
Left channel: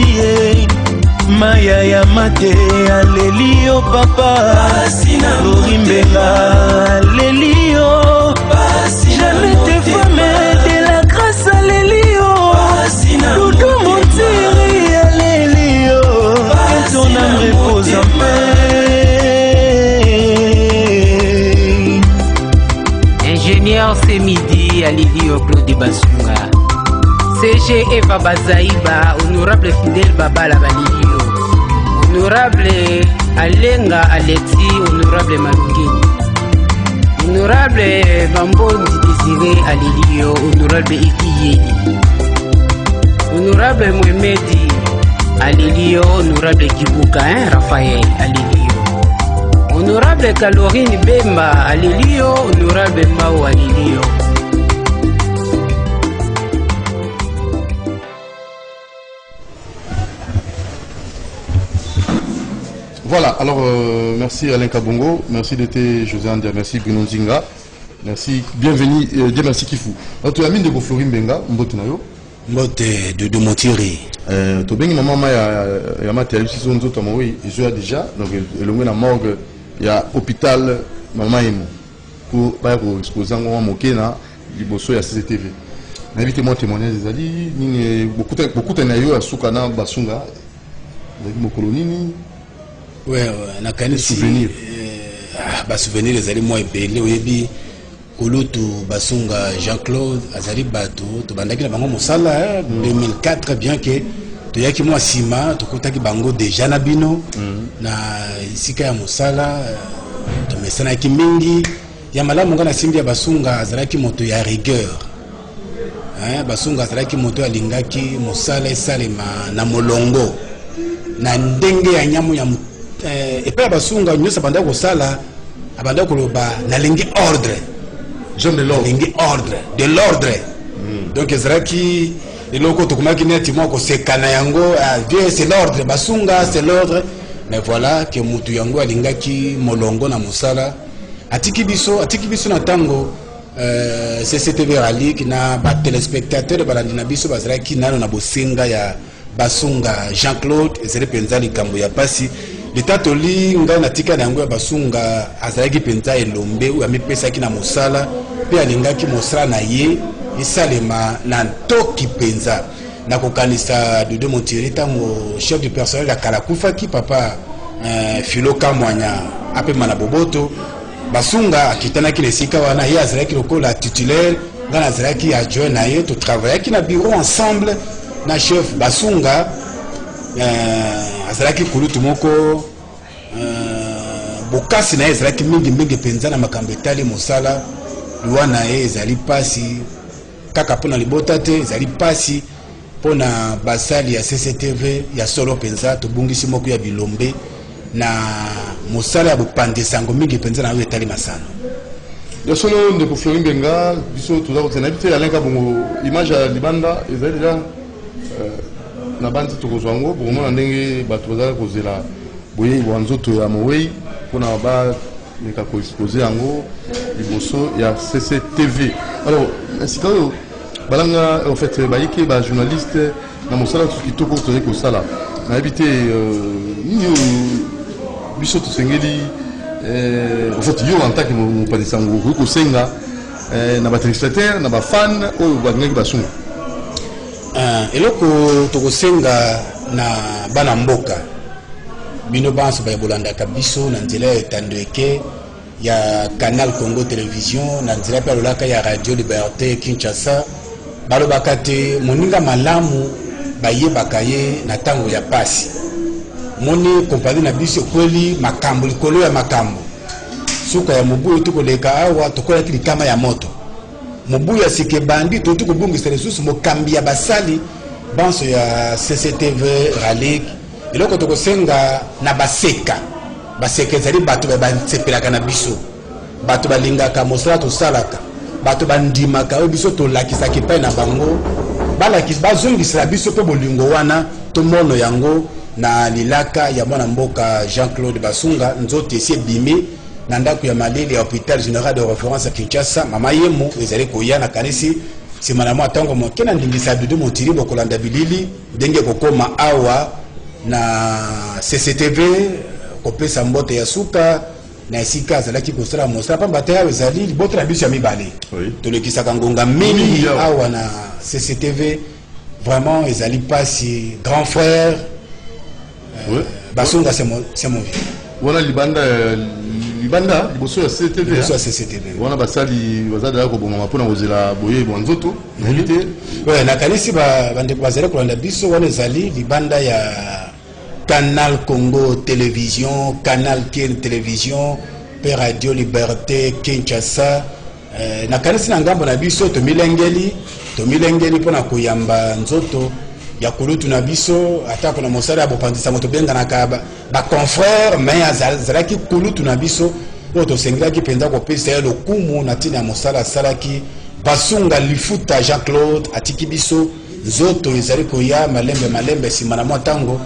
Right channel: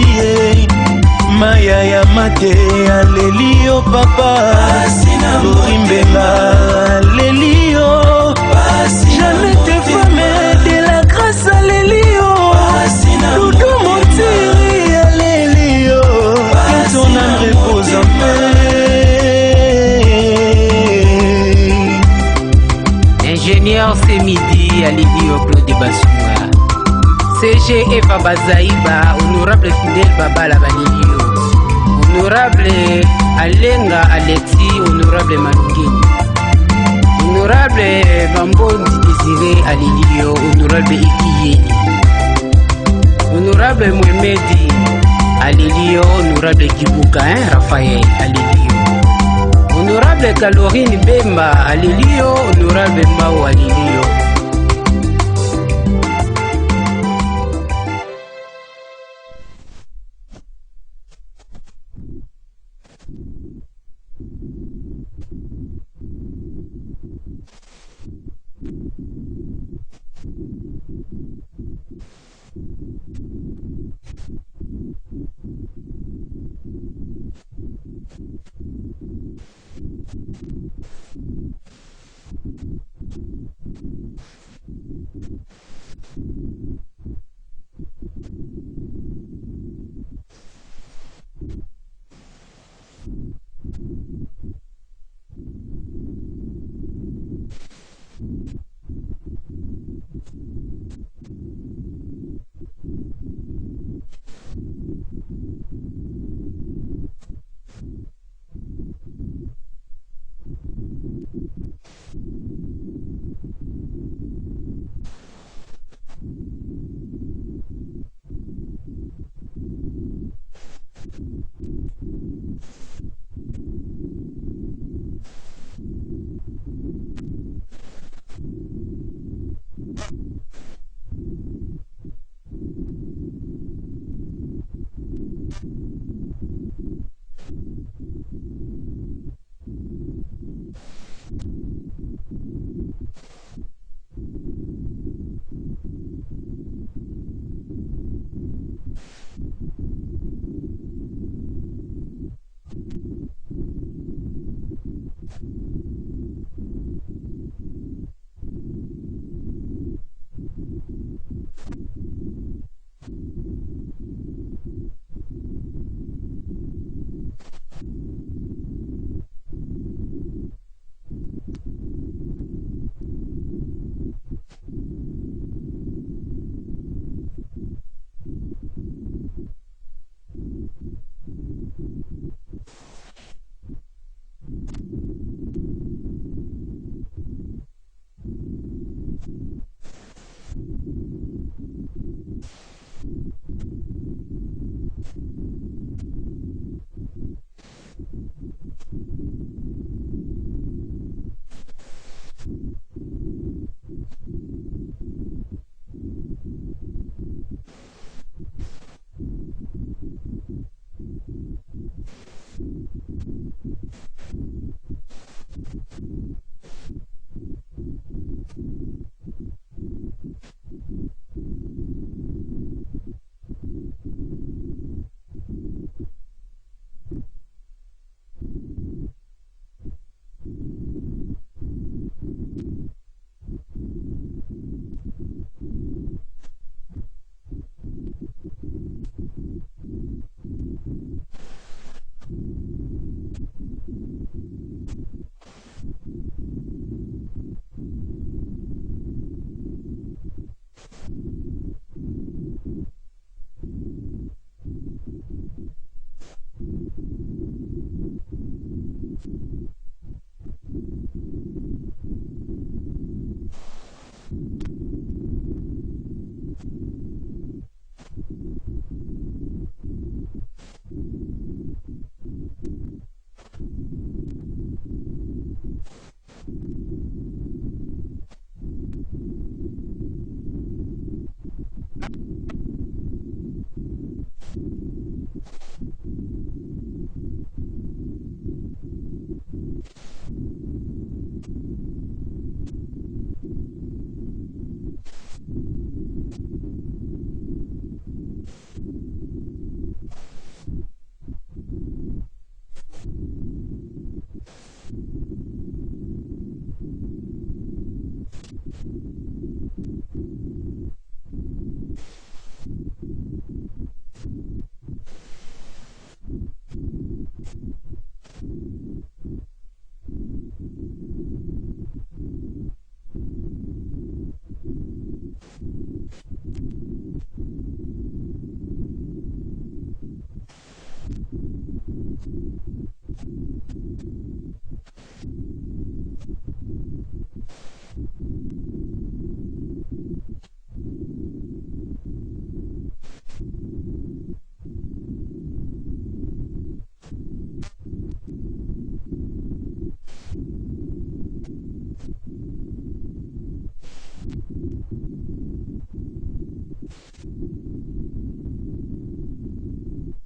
maya ya mate aleli yo papa Flori Mbenga aleli yo jamais te femme de la grâce aleli yo Doudou Montiri aleli yo que ton âme repose en paix. Ingénieur c'est midi aleli yo Claude Basunga CG Eva Bazaïba, honorable Fidel Babala Balilio, honorable Alenga Alexis, honorable Malungeni, honorable Bambondi Désiré Alilio, honorable Ikiyeli, honorable Mohamedi Alilio, honorable Kibuka, Raphaël Alilio, honorable Kalorine Bemba Alilio, honorable Mao Alilio. Voilà, alors merci Alain Kabongo, merci d'être José Andia, merci Bruno Nzinga, merci, bienvenue, Dieu merci Kifou. Alors tu as mis de Flori Mbenga, mbote na yo? Mbote de Montiri. Tu bengi maman ya matériel si son autre moi, je suis déjà donc le ngwe na morgue ya hôpital maman emo pour pas pour exposer ngwa moke na liboso ya CCTV. Invitez-moi témoigner des ali ni beaucoup na yo asukana basunga. Mo kolonini. Ouais, na kani souvenir. Souvenir ezali moi ebele oyebi kulutu basunga Jean-Claude azali bato to bandaki na bango mosala 2004 bien que to yaki moi sima to kotaki bango déjà na bino na isika ya mosala to mesana ki mingi ya malamu ngana simbi ya basunga azalaki moto ya rigueur. Basunga azalaki moto ya lingaki mosala esalema na molongo na ndenge ya nyamu ya epa basunga nyosa banda kosala abanda koloba na lengi ordre Jean de l'ordre lengi ordre de l'ordre donc ezraki eloko tokomaki neti moko sekana yango bien c'est l'ordre basunga c'est l'ordre mais voilà que mutu yango alingaki molongo na mosala atiki biso na tango CCTV ralik na ba téléspectateur balandi na biso bazraki nano na bosenga ya basunga Jean-Claude ezele penza likambo ya pasi leta toli nga na tika na yango ya basunga azalaki penza elombe ou amipesaki na mosala pe alingaki mosala na ye esalema na ntoki penza na kokanisa Doudou Montiri tango chef du personnel ya Kalakufaki papa Philo Kamwanya apema na boboto basunga akitanaki na esika wana ye azalaki lokola titulaire nga na azalaki adjoint na ye to travaillaki na bureau ensemble na chef basunga azalaki kulutu moko bokasi na ye ezalaki mingi penza na makambo etali mosala lwa na ye ezali pasi kaka mpona libota te ezali pasi mpona basali ya CCTV ya solo penza tobungisi moko ya bilombe na mosala ya bopandisa yango mingi mpenza na oyo etali masano. Ya solo ndeko Fleury Mbenga biso toza kotena bite ya lenga bongo image ya libanda ezali deja na bandi tokozwa yango bomona ndenge bato bazala kozela boye bwa nzoto ya mowei mpona baleka koexpose yango liboso ya CCTV. Alors sika oyo balanga en fait bayike bajournaliste na mosala kitoko tozali kosala nayebi te nini oyo biso tosengeli en fait yo en tant que mopanisa yango okoki kosenga na batéléspectateur na bafan oyo balingaki basunga. Eloko tokosenga na bana mboka bino banso bayebolandaka biso na nzela ya etando eke ya Canal Congo Télévision na nzela mpe alolaka ya Radio Liberté Kinshasa balobaka te moninga malamu bayebaka ye na ntango ya pasi moni kompani na biso kweli makambo likolo ya makambo suka ya mobuyu tukoleka awa tokolaki likama ya moto mobuyu ya sike bandi tukobungisa lisusu mokambi ya basali banso ya CCTV Ralik eloko tokosenga na baseka ezali bato basepelaka na biso bato balingaka mosala tosalaka bato bandimaka oyo biso tolakisaki epai na bango bazongisela biso mpe bolingo wana tomono yango na lilaka ya mwana mboka Jean-Claude Basunga nzoto esi ebimi na ndako ya malili ya hôpital général de référence ya Kinshasa mama yemo ezali koya na kanisi nsima na mwa ntango moke na ndingisa ya dudu motiri bokolanda bilili ndenge kokoma awa na CCTV kopesa mbote ya suka na esika azalaki kosala mosala pamba te awa ezali liboto na biso ya mibale tolekisaka ngonga mingi awa na CCTV vraiment ezali pasi grand frère Basunga c'est mon vie. Voilà libanda liboso ya CCTV. Liboso ya CCTV. Wana basali bazala ko bomama pona kozela boye bo nzoto invité. Ouais na kanisi bande bazela kolanda biso wana ezali libanda ya Canal Congo Télévision, Canal Ken Télévision, pe Radio Liberté Kinshasa. Na kanisi na ngambo na biso to milengeli pona koyamba nzoto ya kulutu na biso atako na mosala ya bopandisa moto benga na kaba ba confrère mais azalaki kulutu na biso oto senglaki penza ko pesa le kumu na tina mosala salaki Basunga lifuta Jean-Claude atiki biso nzoto ezali koya malembe simana mwa tango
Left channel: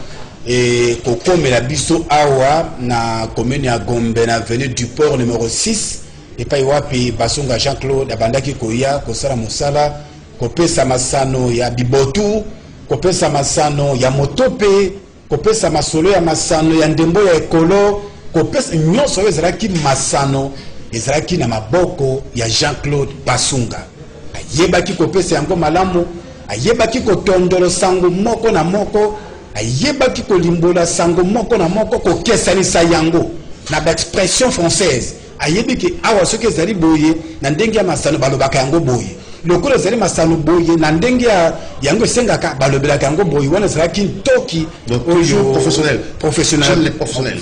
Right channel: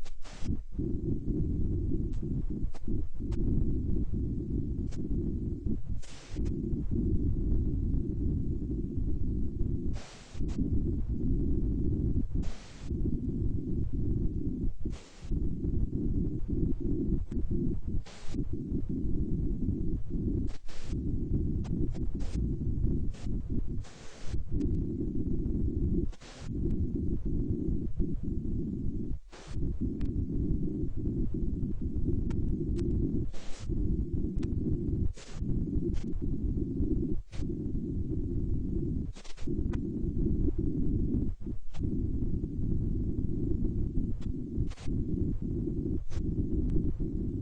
et kokomela biso awa na commune ya Gombe na avenue du port numéro 6 et pa wapi Basunga Jean-Claude abandaki koya kosala mosala kopesa masano ya bibotu kopesa masano ya motope kopesa masolo ya masano ya ndembo ya ekolo kopesa nyonso ezalaki masano ezalaki na maboko ya Jean-Claude Basunga ayebaki kopesa yango malamu ayebaki kotondolo sango moko na moko ayebaki kolimbola sango moko na moko kokesanisa yango na expression française ayebiki awa soki ezali boye na ndenge ya masano balobaka yango boye lokolo ezali masano boye na ndenge ya yango esengaka balobelaka yango boye wana ezalaki ntoki toujours professionnel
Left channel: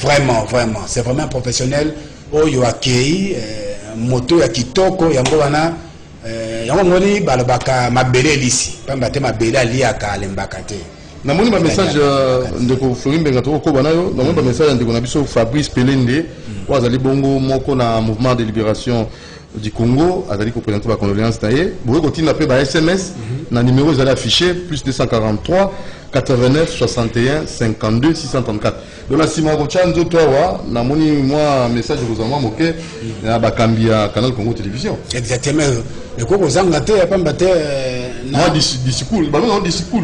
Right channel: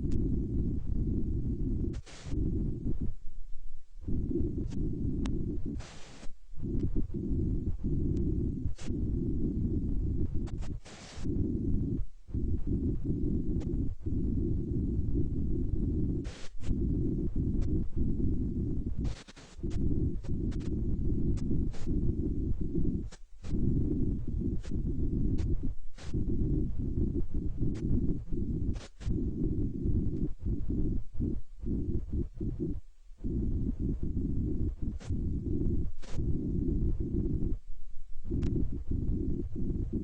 vraiment c'est vraiment professionnel oyo akei moto ya kitoko yango wana yango ngoni balobaka mabele elisi pamba te mabele aliaka alembaka te namoni ba message ndeko Fleury Mbenga tokokoba nayo namoni ba message ndeko na biso Fabrice Pelende wazali bongo moko na mouvement de libération du Congo azali ko présenter ba condoléances taye boye kotina pe ba SMS na numéro ezali affiché plus 243 89 61 52 634 donc la sima ko chanzo towa namoni moi message ko zama moke na bakambi ya Canal Congo Télévision exactement le ko zanga te pamba te na discours ba non discours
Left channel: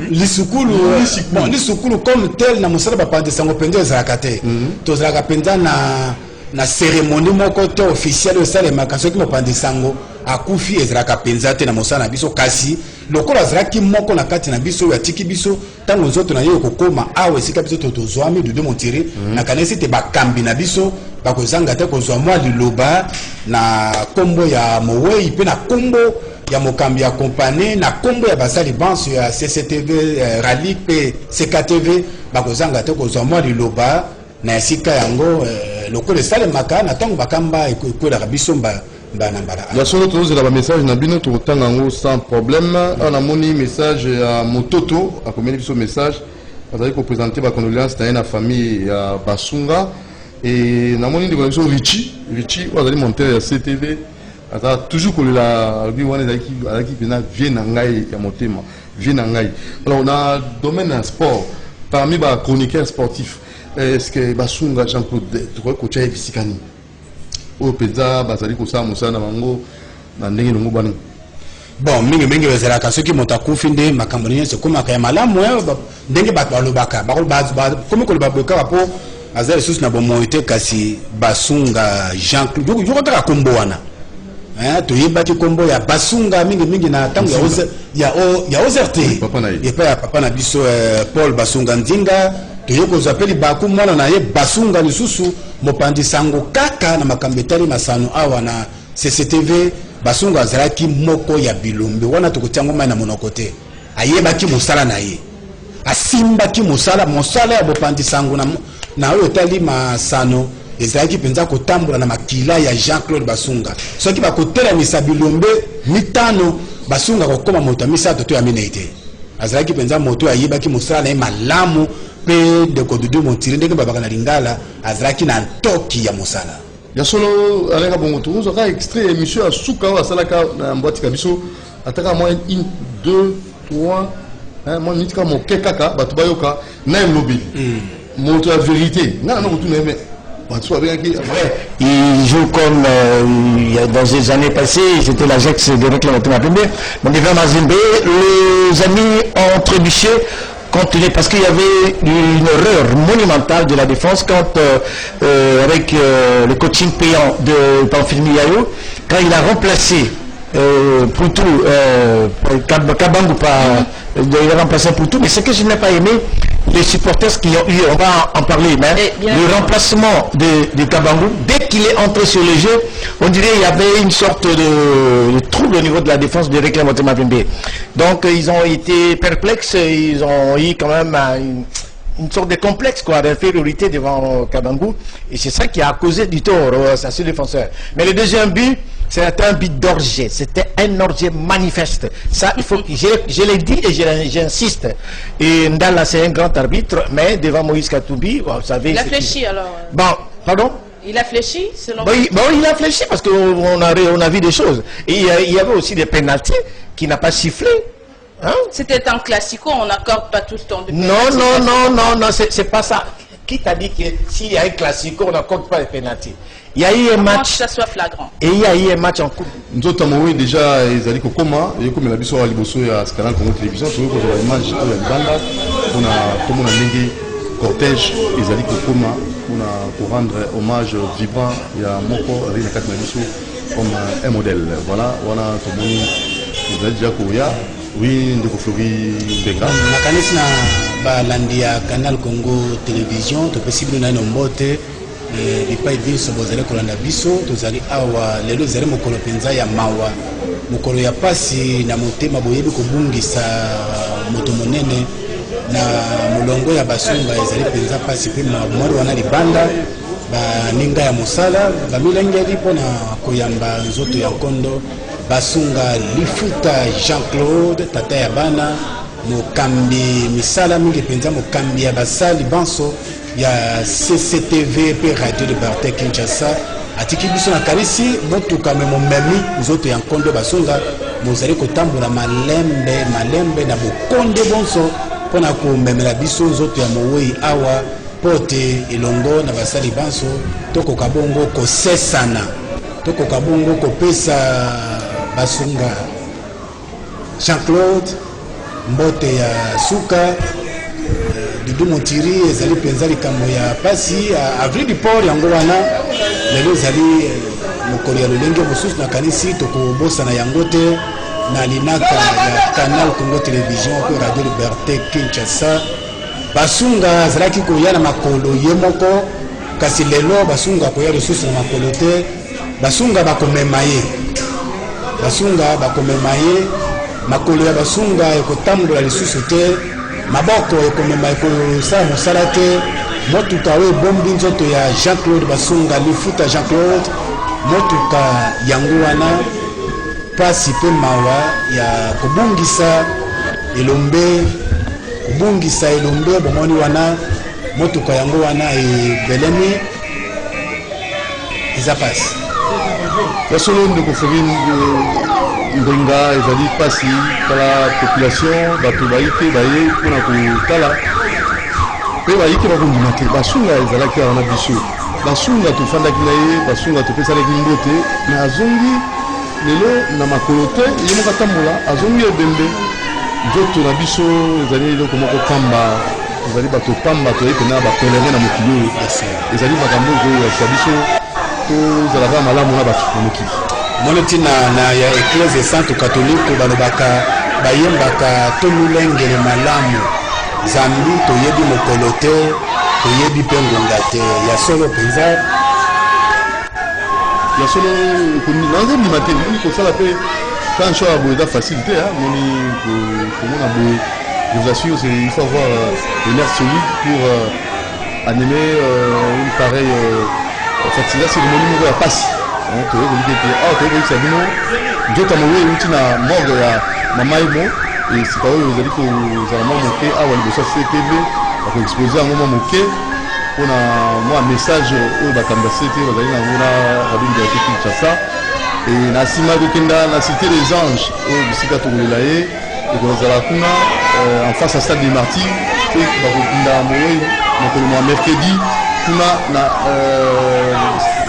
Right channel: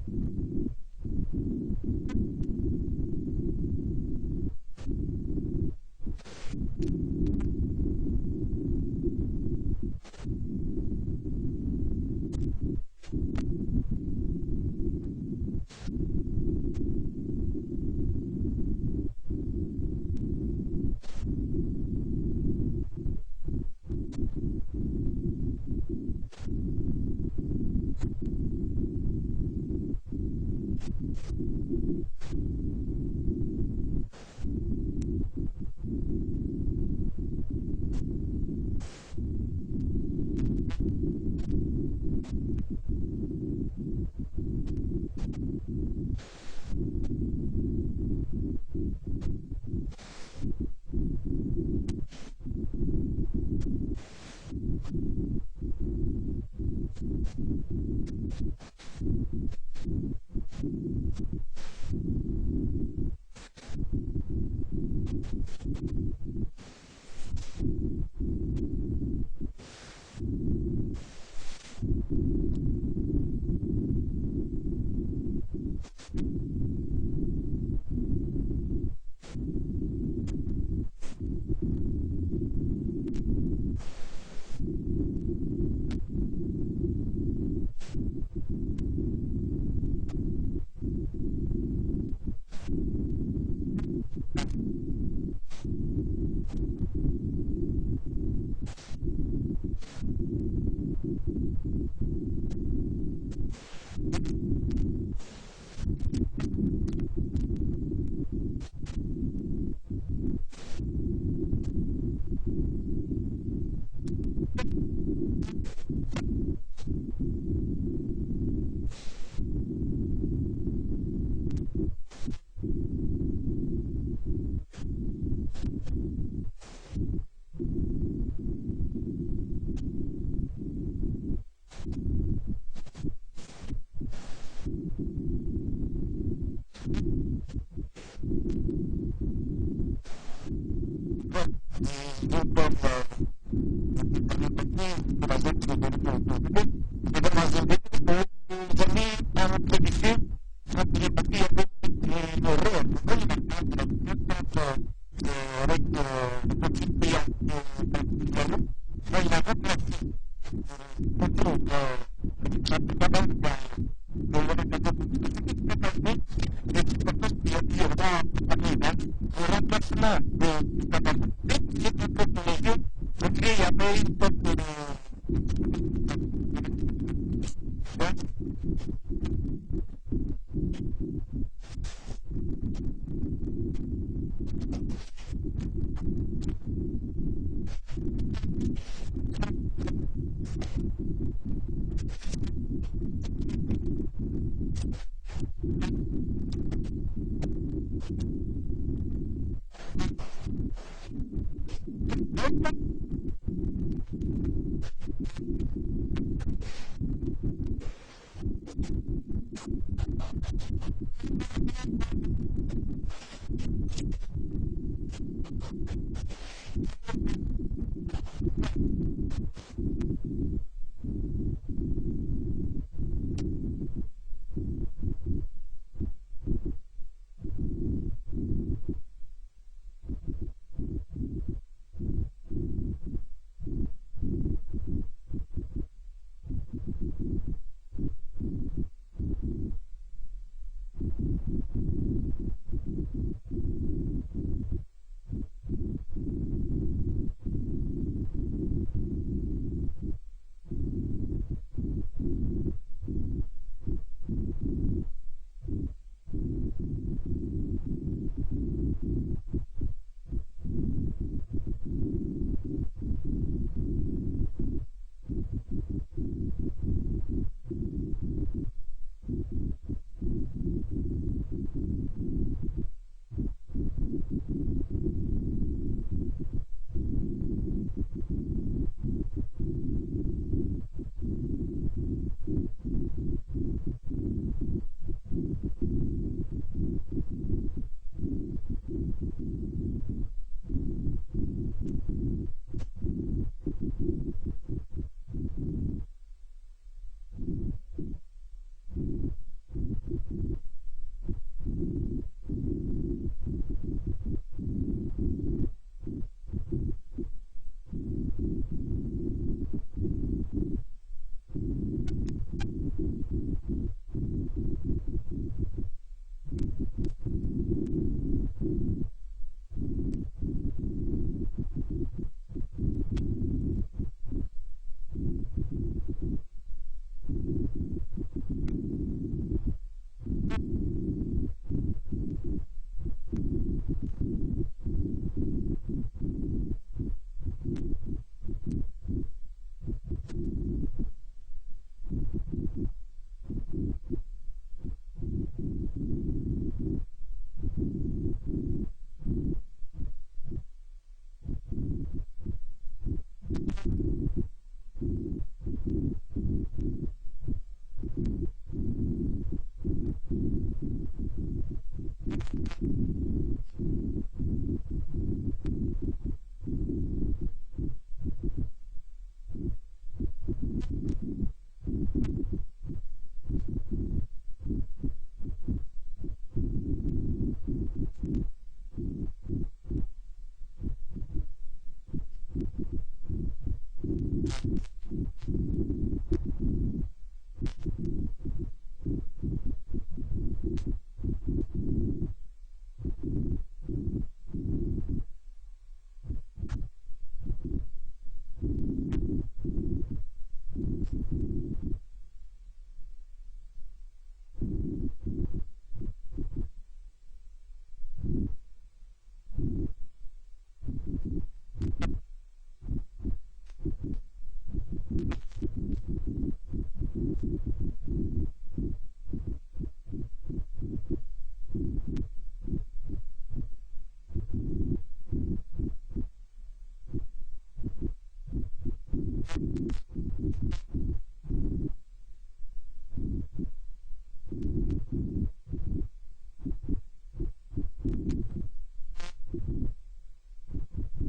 comme tel na musala ba pande sango pende ezalaka te to zalaka penda na cérémonie moko to officiel osalemaka soki mopanzi sango akufi ezalaka penza te na mosala na biso kasi lokola azalaki moko na kati na biso oyo atiki biso ntango nzoto na ye okokoma awa esika biso tozwami dudu montiri na kanisi te bakambi na biso bakozanga te kozwa mwa liloba na kombo ya mowei mpe na kombo ya mokambi ya kompani na kombo ya basali banso ya CCTV Ralik mpe CKTV bakozanga te kozwa mwa liloba na esika yango lokola esalemaka na ntango bakamba ekwelaka biso mbala ya solo tozela ba message na bino tokotanga yango sans problème on a moni message ya mototo akomeli biso message azali kopresente ba condoléances na ye na famille ya Basunga et dans mon connexion Richie on a monté CTV ata toujours que la lui on est qui vient nangai ya motema vient nangai. Alors on a domaine sport parmi les chroniqueurs sportifs. Est-ce que Basunga Jean-Claude tu crois que tu as Visikani au Peza bazali ko sa musana mango na ndenge ngo bana bon mingi bezalaka soki moto akufi nde makambo nyonso ekomaka ya malamu ndenge bato balobaka komi koloba boyoka po aza lisusu na bomoi te kasi Basunga Jean-Claude yoko kaka kombo wana toyebaki kombo ya Basunga mingi na ntango ya OZRT epa ya papa na biso Paul Basunga Nzinga toyokozwa peli baku mwana na ye Basunga lisusu mopandi sango kaka na makambo etali masano awa na CCTV. Basunga azalaki moko ya bilombe wana tokotiango mai na monoko te ayebaki mosala na ye asimbaki mosala ya bopandi sango na oyo etali masano ezalaki mpenza kotambola na makila ya Jean-Claude Basunga soki bakotelamisa bilombe mitano Basunga kokoma moto ya misato to ya minei te azalaki mpenza moto ayebaki mosala na ye malamu mpe ndeko Dudu Montiri ndenge babaka na Lingala azalaki na ntoki ya mosala ya solo alenga bongo tuzo ka extrait émission asuka wa salaka na mbwati kabiso ataka moins 1 2 3 moi nitika mo kekaka batu bayoka na mlobi moto la vérité na na kutu neme batu avec il joue comme dans les années passées j'étais l'Ajax de réclamation publique donc devant Mazembe les amis ont trébuché parce qu'il y avait une erreur monumentale de la défense quand avec le coaching payant de Pamphile Miaou, quand il a remplacé Poutou, Kabangu il a remplacé Poutou, mais ce que je n'ai pas aimé, les supporters qui ont eu, on va en parler, mais le remplacement de Kabangu, dès qu'il est entré sur le jeu, on dirait qu'il y avait une sorte de trouble au niveau de la défense de Reclam Motema Pembe. Donc ils ont été perplexes, ils ont eu quand même une sorte de complexe d'infériorité devant Kabangu, et c'est ça qui a causé du tort à ce défenseur. Mais le deuxième but, c'était un but d'orgie, c'était un orgie manifeste. Ça, il faut, je l'ai dit et j'insiste. Et Ndala, c'est un grand arbitre, mais devant Moïse Katoubi, vous savez... Il a fléchi alors Bon, pardon? Il a fléchi selon vous? Bon, il a fléchi parce qu'on a vu des choses. Et il y avait aussi des pénaltys qui n'a pas sifflé. Hein? C'était un classico, on n'accorde pas tout le temps de non, c'est pas ça. Qui t'a dit que s'il y a un classico, on n'accorde pas les pénaltys? Il y a eu un match, ça soit flagrant. Et il y a eu un match en coupe. Nous avons déjà les alliés Kokoma, et comme la biso à Liboso et à Scalan comme télévision, nous avons une image de la banda, on a tout le monde a cortège, les alliés Kokoma, pour rendre hommage vibrant et à Moko, avec la carte Biso comme un modèle. Voilà, tout le monde, vous avez déjà Kouya, oui, de Flori Benga. La canisse na Balandia Canal Congo Télévision, tout possible na nombote. Bipai biso bozali kolanda biso tozali awa lelo ezali mokolo penza ya mawa mokolo ya pasi na motema boyebi kobungisa moto monene na molongo ya Basunga ezali penza pasi pe mwana wana libanda baninga ya mosala bamilengeli mpona koyamba nzoto ya nkondo Basunga lifuta Jean-Claude tata ya bana mokambi misala mingi penza mokambi ya basali banso ya CCTV pe Radio Liberté Kinshasa atiki biso na karisi motuka me momemi nzoto ya nkondo Basunga mozali kotambola malembe na bokonde bonso mpona komemela biso nzoto ya mowei awa pote elongo na basali banso tokoka bongo kosesana tokoka bongo kopesa Basunga Jean-Claude mbote ya suka Dudu Montiri ezali penza likambo ya pasi avril du port yango wana lelo ezali mokolo ya lolenge mosusu na kanisi tokobosana yango te na linaka ya Canal Congo Télévision pe Radio Liberté Kinshasa. Basunga azalaki koya na makolo ye moko kasi lelo Basunga koya lisusu na makolo te. Basunga bakomema ye makolo ya Basunga ekotambola lisusu te maboko ekomema ekosala mosala te motuka oyo ebombi nzoto ya Jean-Claude Basunga lifuta Jean-Claude motuka yango wana pasi mpe mawa ya kobungisa elombe bomoni wana motuka yango wana ebelemi ça passe. La solo de Kofogin Ngonga ezali pasi kala population bato bayike baye mpona kotala mpe bayike bakondima te basunga ezalaki awa na biso basunga tofandaki na ye basunga topesalaki mbote me azongi lelo na makolo te ye moko atambola azongi ebembe nzoto na biso ezali eloko moko pamba ezali bato pamba toyei pena bapelere na mokili oyo ezali makambo koyokisa biso tozalaka malamu na bato na mokili moni ntina na ya eklese centre catholique balobaka bayembaka tolulengele malamu zambi toyebi mokolo te toyebi mpe ngonga te ya solo mpenza ya solo nanze ndima te kosala mpe kancho ya boye eza facile te moni komona boye je vous assure il faut avoir des nerfs solides pour animer une pareille fatiga cérémonie moko ya pasi toyekoliki ete awa toyekolikisa bino nzota moyo euti na morgue ya mama emo esika oyo ezali kozala mwa moke awa liboso ya ctv bakoexpose yango mwa moke mpona mwa message oyo bakambi ya ctv bazali nango na radio liberté kinshasa na nsima kokenda na cité des anges oyo bisika tokolela ye ekozala kuna en face ya stade des martyrs mpe bakokunda moyo mokolo mwa mercredi kuna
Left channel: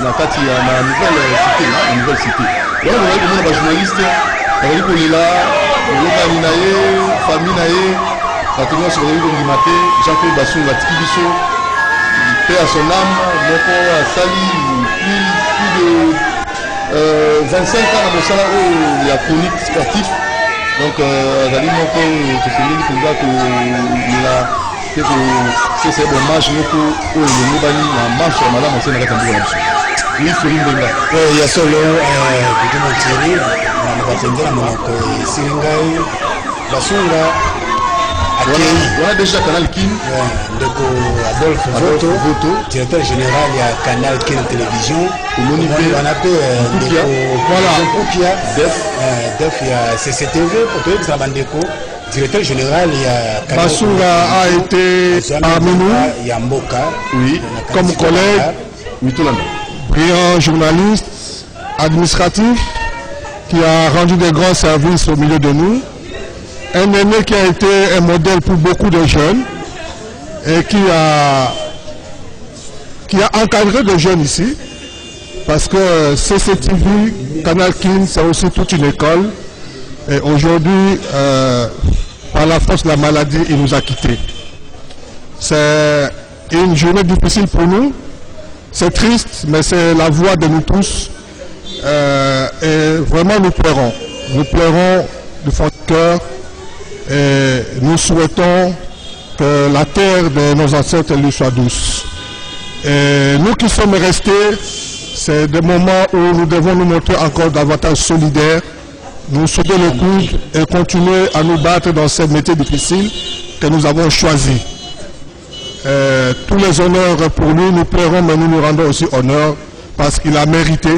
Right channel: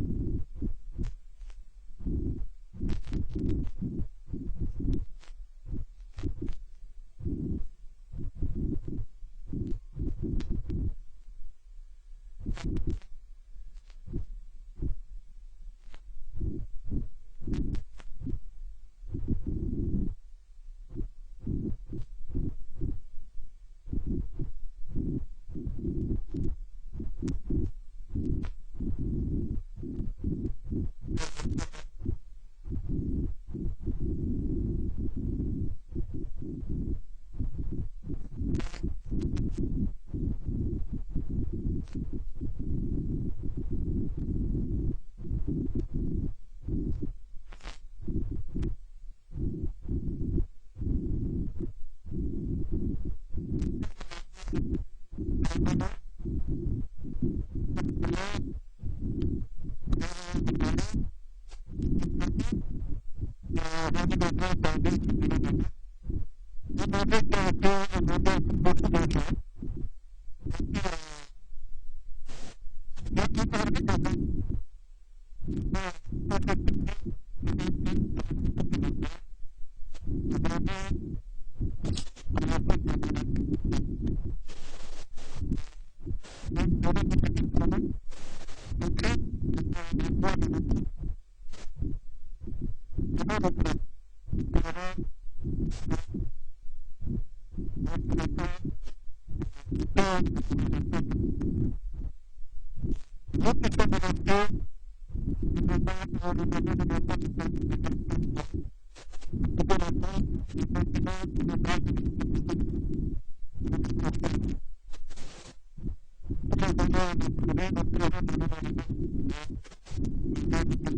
na kati ya na nouvelle cité wana bazali komona bajournaliste bazali kolela olokani na ye famille na ye bato nyonso bazali kondima te Jean-Claude Basunga atiki biso mpe ya son âme moko asali plus de 25 ans na mosala oyo ya chronique sportif donc azali moko tosengeli mpenza kolela mpe kopesa ye bomage moko oyo elongo bani na marche ya malamu ase na kati ya mboka na biso Fori Mbenga ya solo kutuma Thierry na batendela monoko esili ngai Basunga wana déjà Canal Kin ndeko Adolphe Voto directeur général ya Canal Kin télévision omoni mpe wana mpe ndeko def ya CCTV po toyebisa bandeko directeur général ya Basunga a été parmi nous Yamboka oui comme collègue brillant journaliste administratif qui a rendu des grands services au milieu de nous, un aîné qui a été un modèle pour beaucoup de jeunes et qui a encadré des jeunes ici parce que CCTV, Canal Kin, c'est aussi toute une école et aujourd'hui par la force de la maladie il nous a quittés. C'est une journée difficile pour nous. C'est triste, mais c'est la voix de nous tous. Et vraiment, nous pleurons. Nous pleurons du fond de cœur. Et nous souhaitons que la terre de nos ancêtres lui soit douce. Et nous qui sommes restés, c'est des moments où nous devons nous montrer encore davantage solidaires, nous sauter le coude et continuer à nous battre dans ce métier difficile que nous avons choisi. Tous les honneurs pour lui, nous pleurons, mais nous nous rendons aussi honneur parce qu'il a mérité.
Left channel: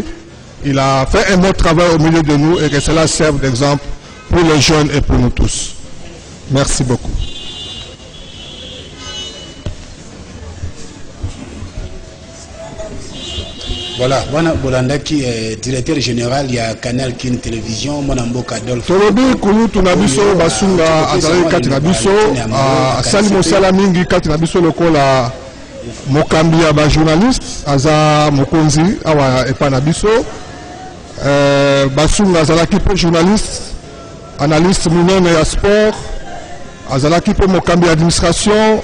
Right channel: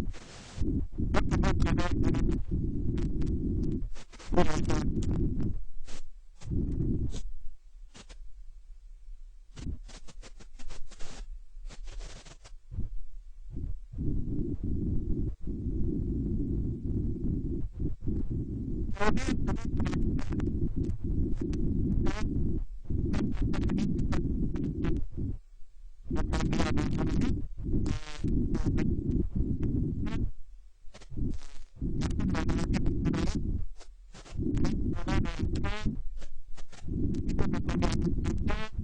Il a fait un bon travail au milieu de nous et que cela serve d'exemple pour les jeunes et pour nous tous. Merci beaucoup. Voilà, Wana Bolandaki est directeur général, il y a Canal Kin Télévision, Monamboka Adolphe. Tolobi kulu tunabiso basunga azali kati na biso asali mosala mingi kati na biso lokola mokambi ya ba journaliste aza mokonzi awa epa na biso basunga azalaki pe journaliste analyste munene ya sport azalaki pe mokambi ya administration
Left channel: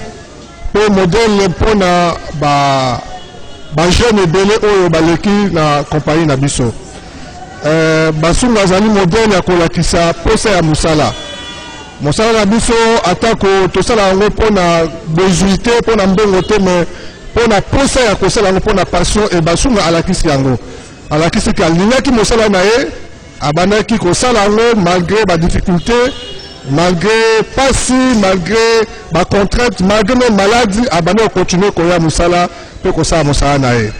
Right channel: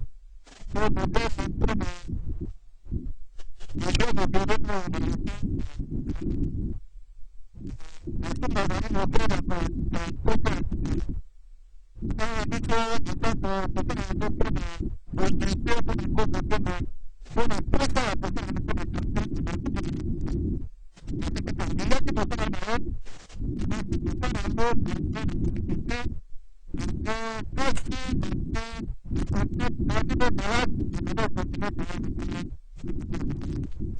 pe modèle mpona bajeune ebele oyo baleki na kompagnie na biso basunga azali modèle ya kolakisa posa ya mosala na biso atako tosala yango mpona bozwi te mpona mbongo te me mpona posa ya kosala yango mpona passion e basunga alakisi yango alakisiki alingaki mosala na ye abandaki kosala yango malgré badifficulté malgré pasi malgré bacontrainte malgré même maladie abandaki kocontinue koya mosala mpe kosala mosala na ye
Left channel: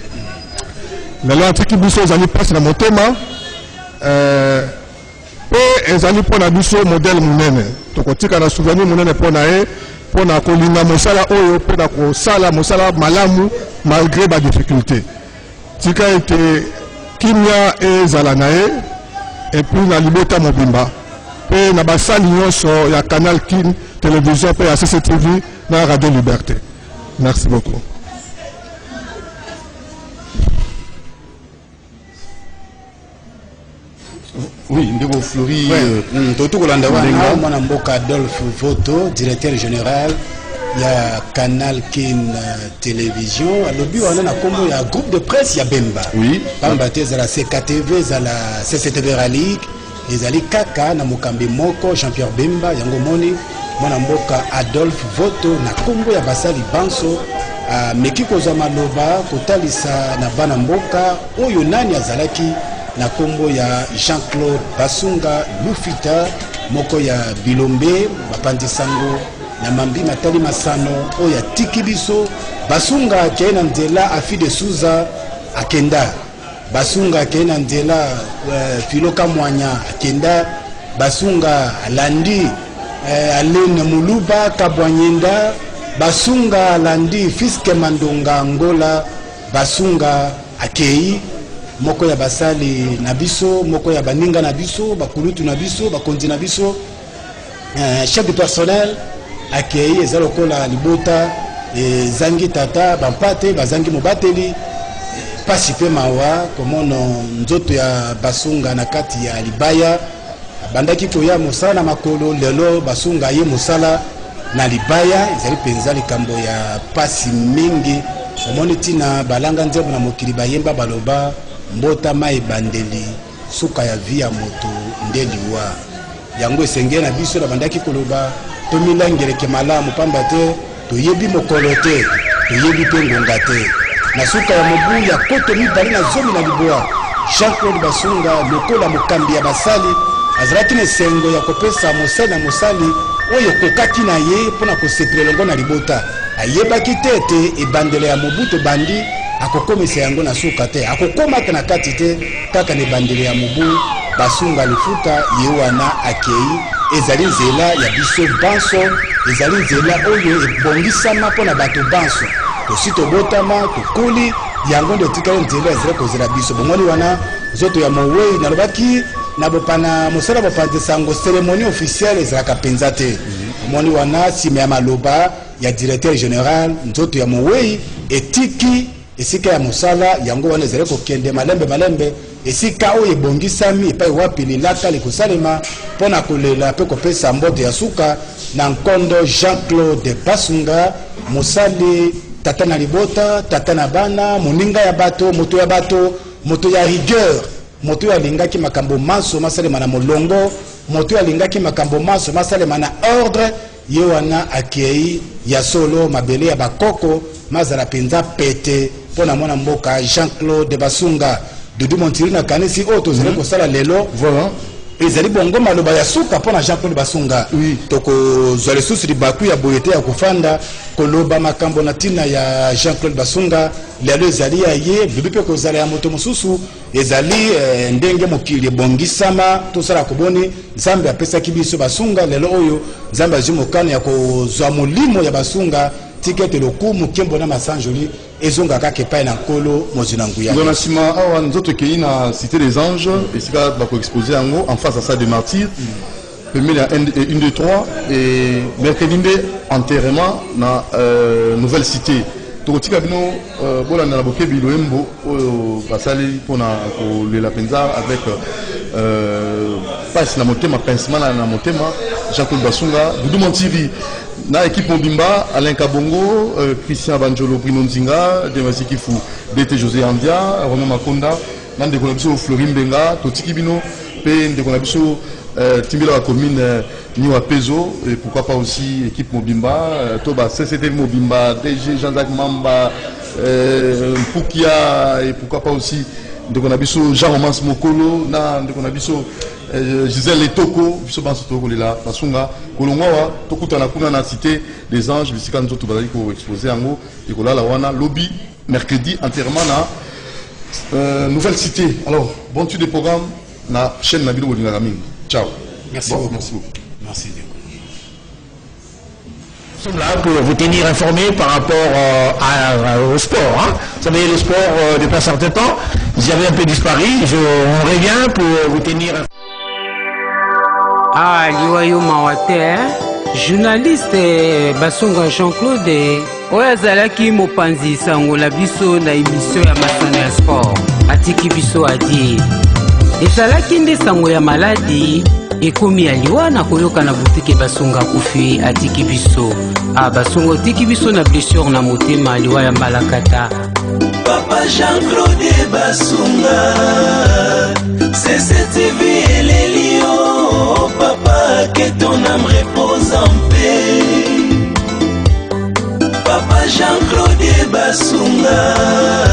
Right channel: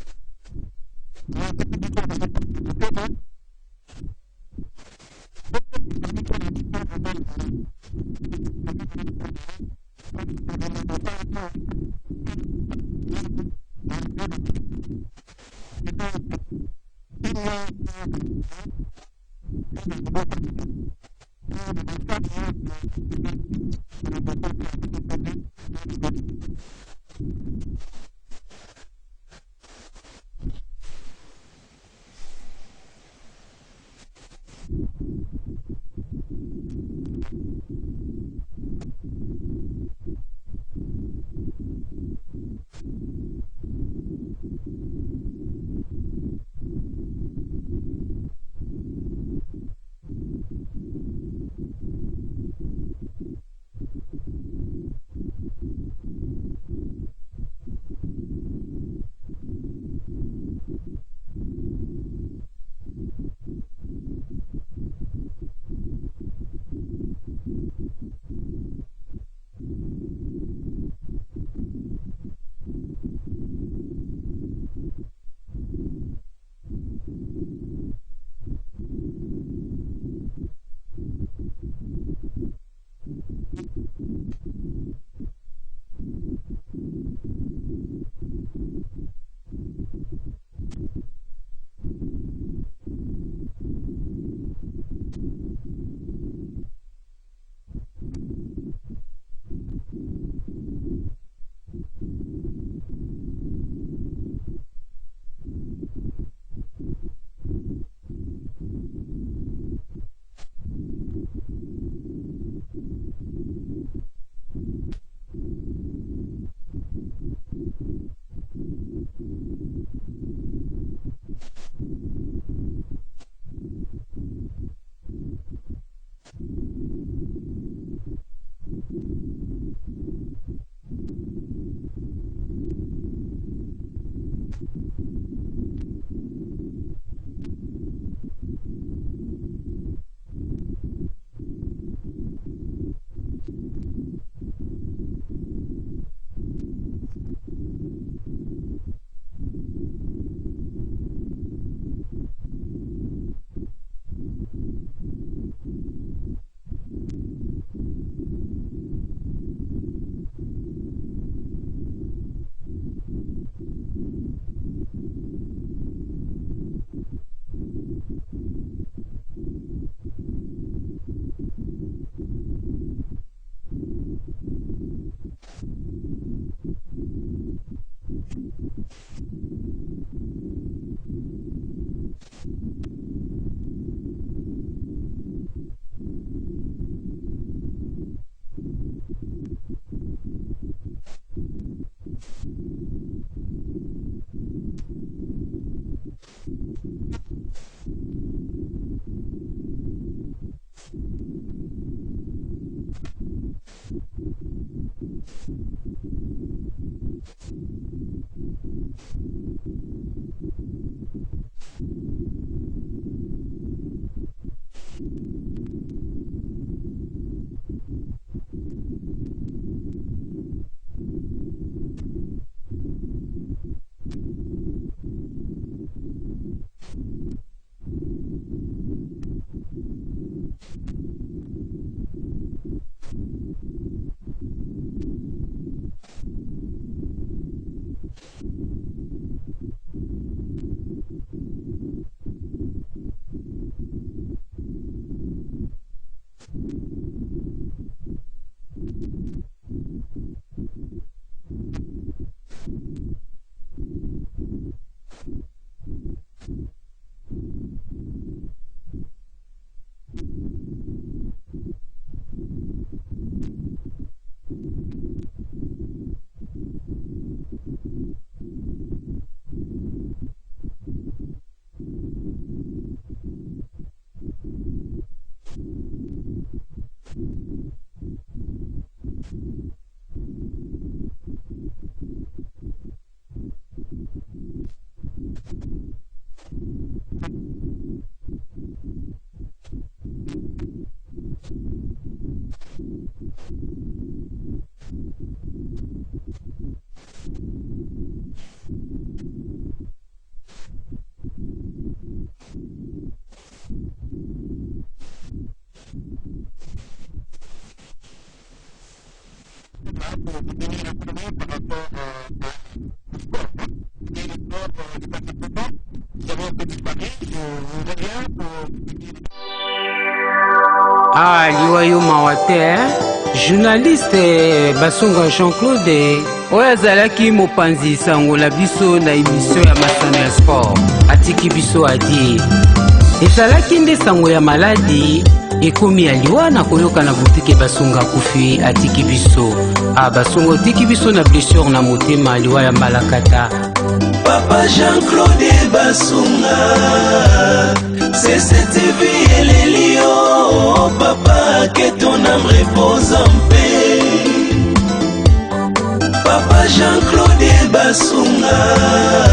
lelo atiki biso ezali mpasi na motema mpe ezali mpona biso modèle monene tokotika na souvenir monene mpona ye mpona kolinga mosala oyo mpona kosala mosala malamu malgré badifficulté tika ete kimia ezala na ye et puis na libota mobimba mpe na basali nyonso ya Canal Kin télévision mpe ya CCTV na Radio Liberté. Merci beaucoup. Oui, Ndego Fleury. Toto Kolanda wana mwana mboka Adolphe Voto, directeur général ya Canal Kin télévision. Alobi wana na kombo ya groupe de presse ya Bemba. Oui. Bamba te za la CKTV, za la CCTV Rally, ezali kaka na mokambi moko Jean-Pierre Bemba yango moni mwana mboka Adolphe Voto na kombo ya basali banso meki kozwa maloba kotalisa na bana mboka oyo nani azalaki na kombo ya Jean-Claude Basunga Lufita moko ya Bilombe bapandisango na mambi matali masano oyo tiki biso Basunga kena nzela afi de Souza akenda Basunga kena nzela Filoka Mwanya akenda Basunga alandi Alene Muluba Kabwanyenda Basunga alandi Fiske Mandonga Angola Basunga akei moko ya basali na biso moko ya baninga na biso bakulutu na biso bakonzi na biso chef de personnel akei ezalokola libota zangi tata bampate bazangi mobateli pasi pe mawa komono nzoto ya Basunga na kati ya libaya bandaki koya mosala na makolo lelo Basunga ye mosala na libaya ezali penza likambo ya pasi mingi omoni tina balanga nzembo na mokili bayemba baloba mbota mai bandeli suka ya via moto ndeliwa yango esenge na biso na bandaki koloba tomilangeleke malamu pamba te toyebi mokolo te toyebi pe ngonga te na suka ya mobu ya koto mibale na zomi na liboa Jean-Claude Basunga lokola mokambi ya basali azalaki na esengo ya kopesa mosali na mosali oyo kokaki na ye mpona kosepela elongo na libota ayebaki te ete ebandelo ya mobutu bandi akokomisa yango na suka te akokomaka na kati te kaka na ebandelo ya mobu Basunga lifuta ye wana akei ezali nzela ya biso banso ezali nzela oyo ebongisama mpona bato banso tosi tobotama tokoli yango nde etikali nzela ezali kozela biso bongoli wana nzoto ya mowei nalobaki na bopana mosala bopanzisango cérémonie officielle ezalaka mpenza te omoni wana nsima ya maloba ya directeur général nzoto ya mowei etiki esika ya mosala yango wana ezali kokende malembe esika oyo ebongisami epai wapi lilaka likosalema mpona kolela mpe kopesa mbote ya suka na nkondo Jean-Claude Basunga mosali tata na libota tata na bana moninga ya bato moto ya rigueur moto oyo alingaki makambo manso masalema na molongo moto oyo alingaki makambo manso masalema na ordre ye wana akei ya solo mabele ya bakoko mazala mpenza pete mpona mwana mboka Jean-Claude Basunga Dudu Montiri na kanisi oyo tozali kosala lelo voilà ezali bongo maloba ya suka mpona Jean-Claude Basunga tokozwa lisusu libaku ya boyete ya kofanda koloba makambo na ntina ya Jean-Claude Basunga lelo ezali ya ye bibi mpe kozala ya moto mosusu ezali ndenge mokili ebongisama tosala koboni nzambe apesaki biso Basunga lelo oyo nzambe azwi mokano ya kozwa molimo ya Basunga tikete lokumu kembo na masanjoli ezonga kaka epai na nkolo mozwi na nguya dans la sima awa nzoto kei na cité des anges esika bakoexpose yango en face à ça des martyrs premier ya 1 2 3 et mercredi nde enterrement na nouvelle cité tokotika bino bolanda na bokebi loyembo oyo basali mpona kolela mpenza avec pasi na motema pincement na motema Jean-Claude Basunga Dudu Montiri na équipe mobimba Alain Kabongo Christian Banjolo Bruno Nzinga Demasi Kifu DT José Andia Romain Makonda na ndeko na biso Fleury Mbenga totiki bino pe ndeko na biso Timbila la commune Niwa Pezo et pourquoi pas aussi équipe mobimba Toba CCT mobimba DG Jean-Jacques Mamba Poukia et pourquoi pas aussi ndeko na biso Jean Romance Mokolo na ndeko na biso Gisèle Etoko biso banso tokolela Basunga kolongwa tokutana kuna na cité des anges bisika nzoto bazali ko exposer yango ekolala wana lobby mercredi enterrement na nouvelle cité. Alors bon tu des programmes na chaîne na bino bolinga mingi. Ciao. Merci bon, beaucoup. Merci beaucoup. Merci. Nous sommes là pour vous tenir informés par rapport au sport. Hein. Vous savez, le sport, depuis un certain temps, j'avais un peu disparu. On revient pour vous tenir. Ah, liwayo mawate, journaliste Basunga Jean-Claude oyo azalaki mopanzi sangola biso na émission ya masano ya sport atiki biso adi ezalaki nde sango ya maladi ekomi ya liwa na koyoka na butike Basunga kufi atiki biso Basunga otiki biso na blessure na motema liwa ya malakata Papa Jean-Claude Basunga CCTV Elelio Papa que ton âme repose en paix Papa Jean-Claude Basunga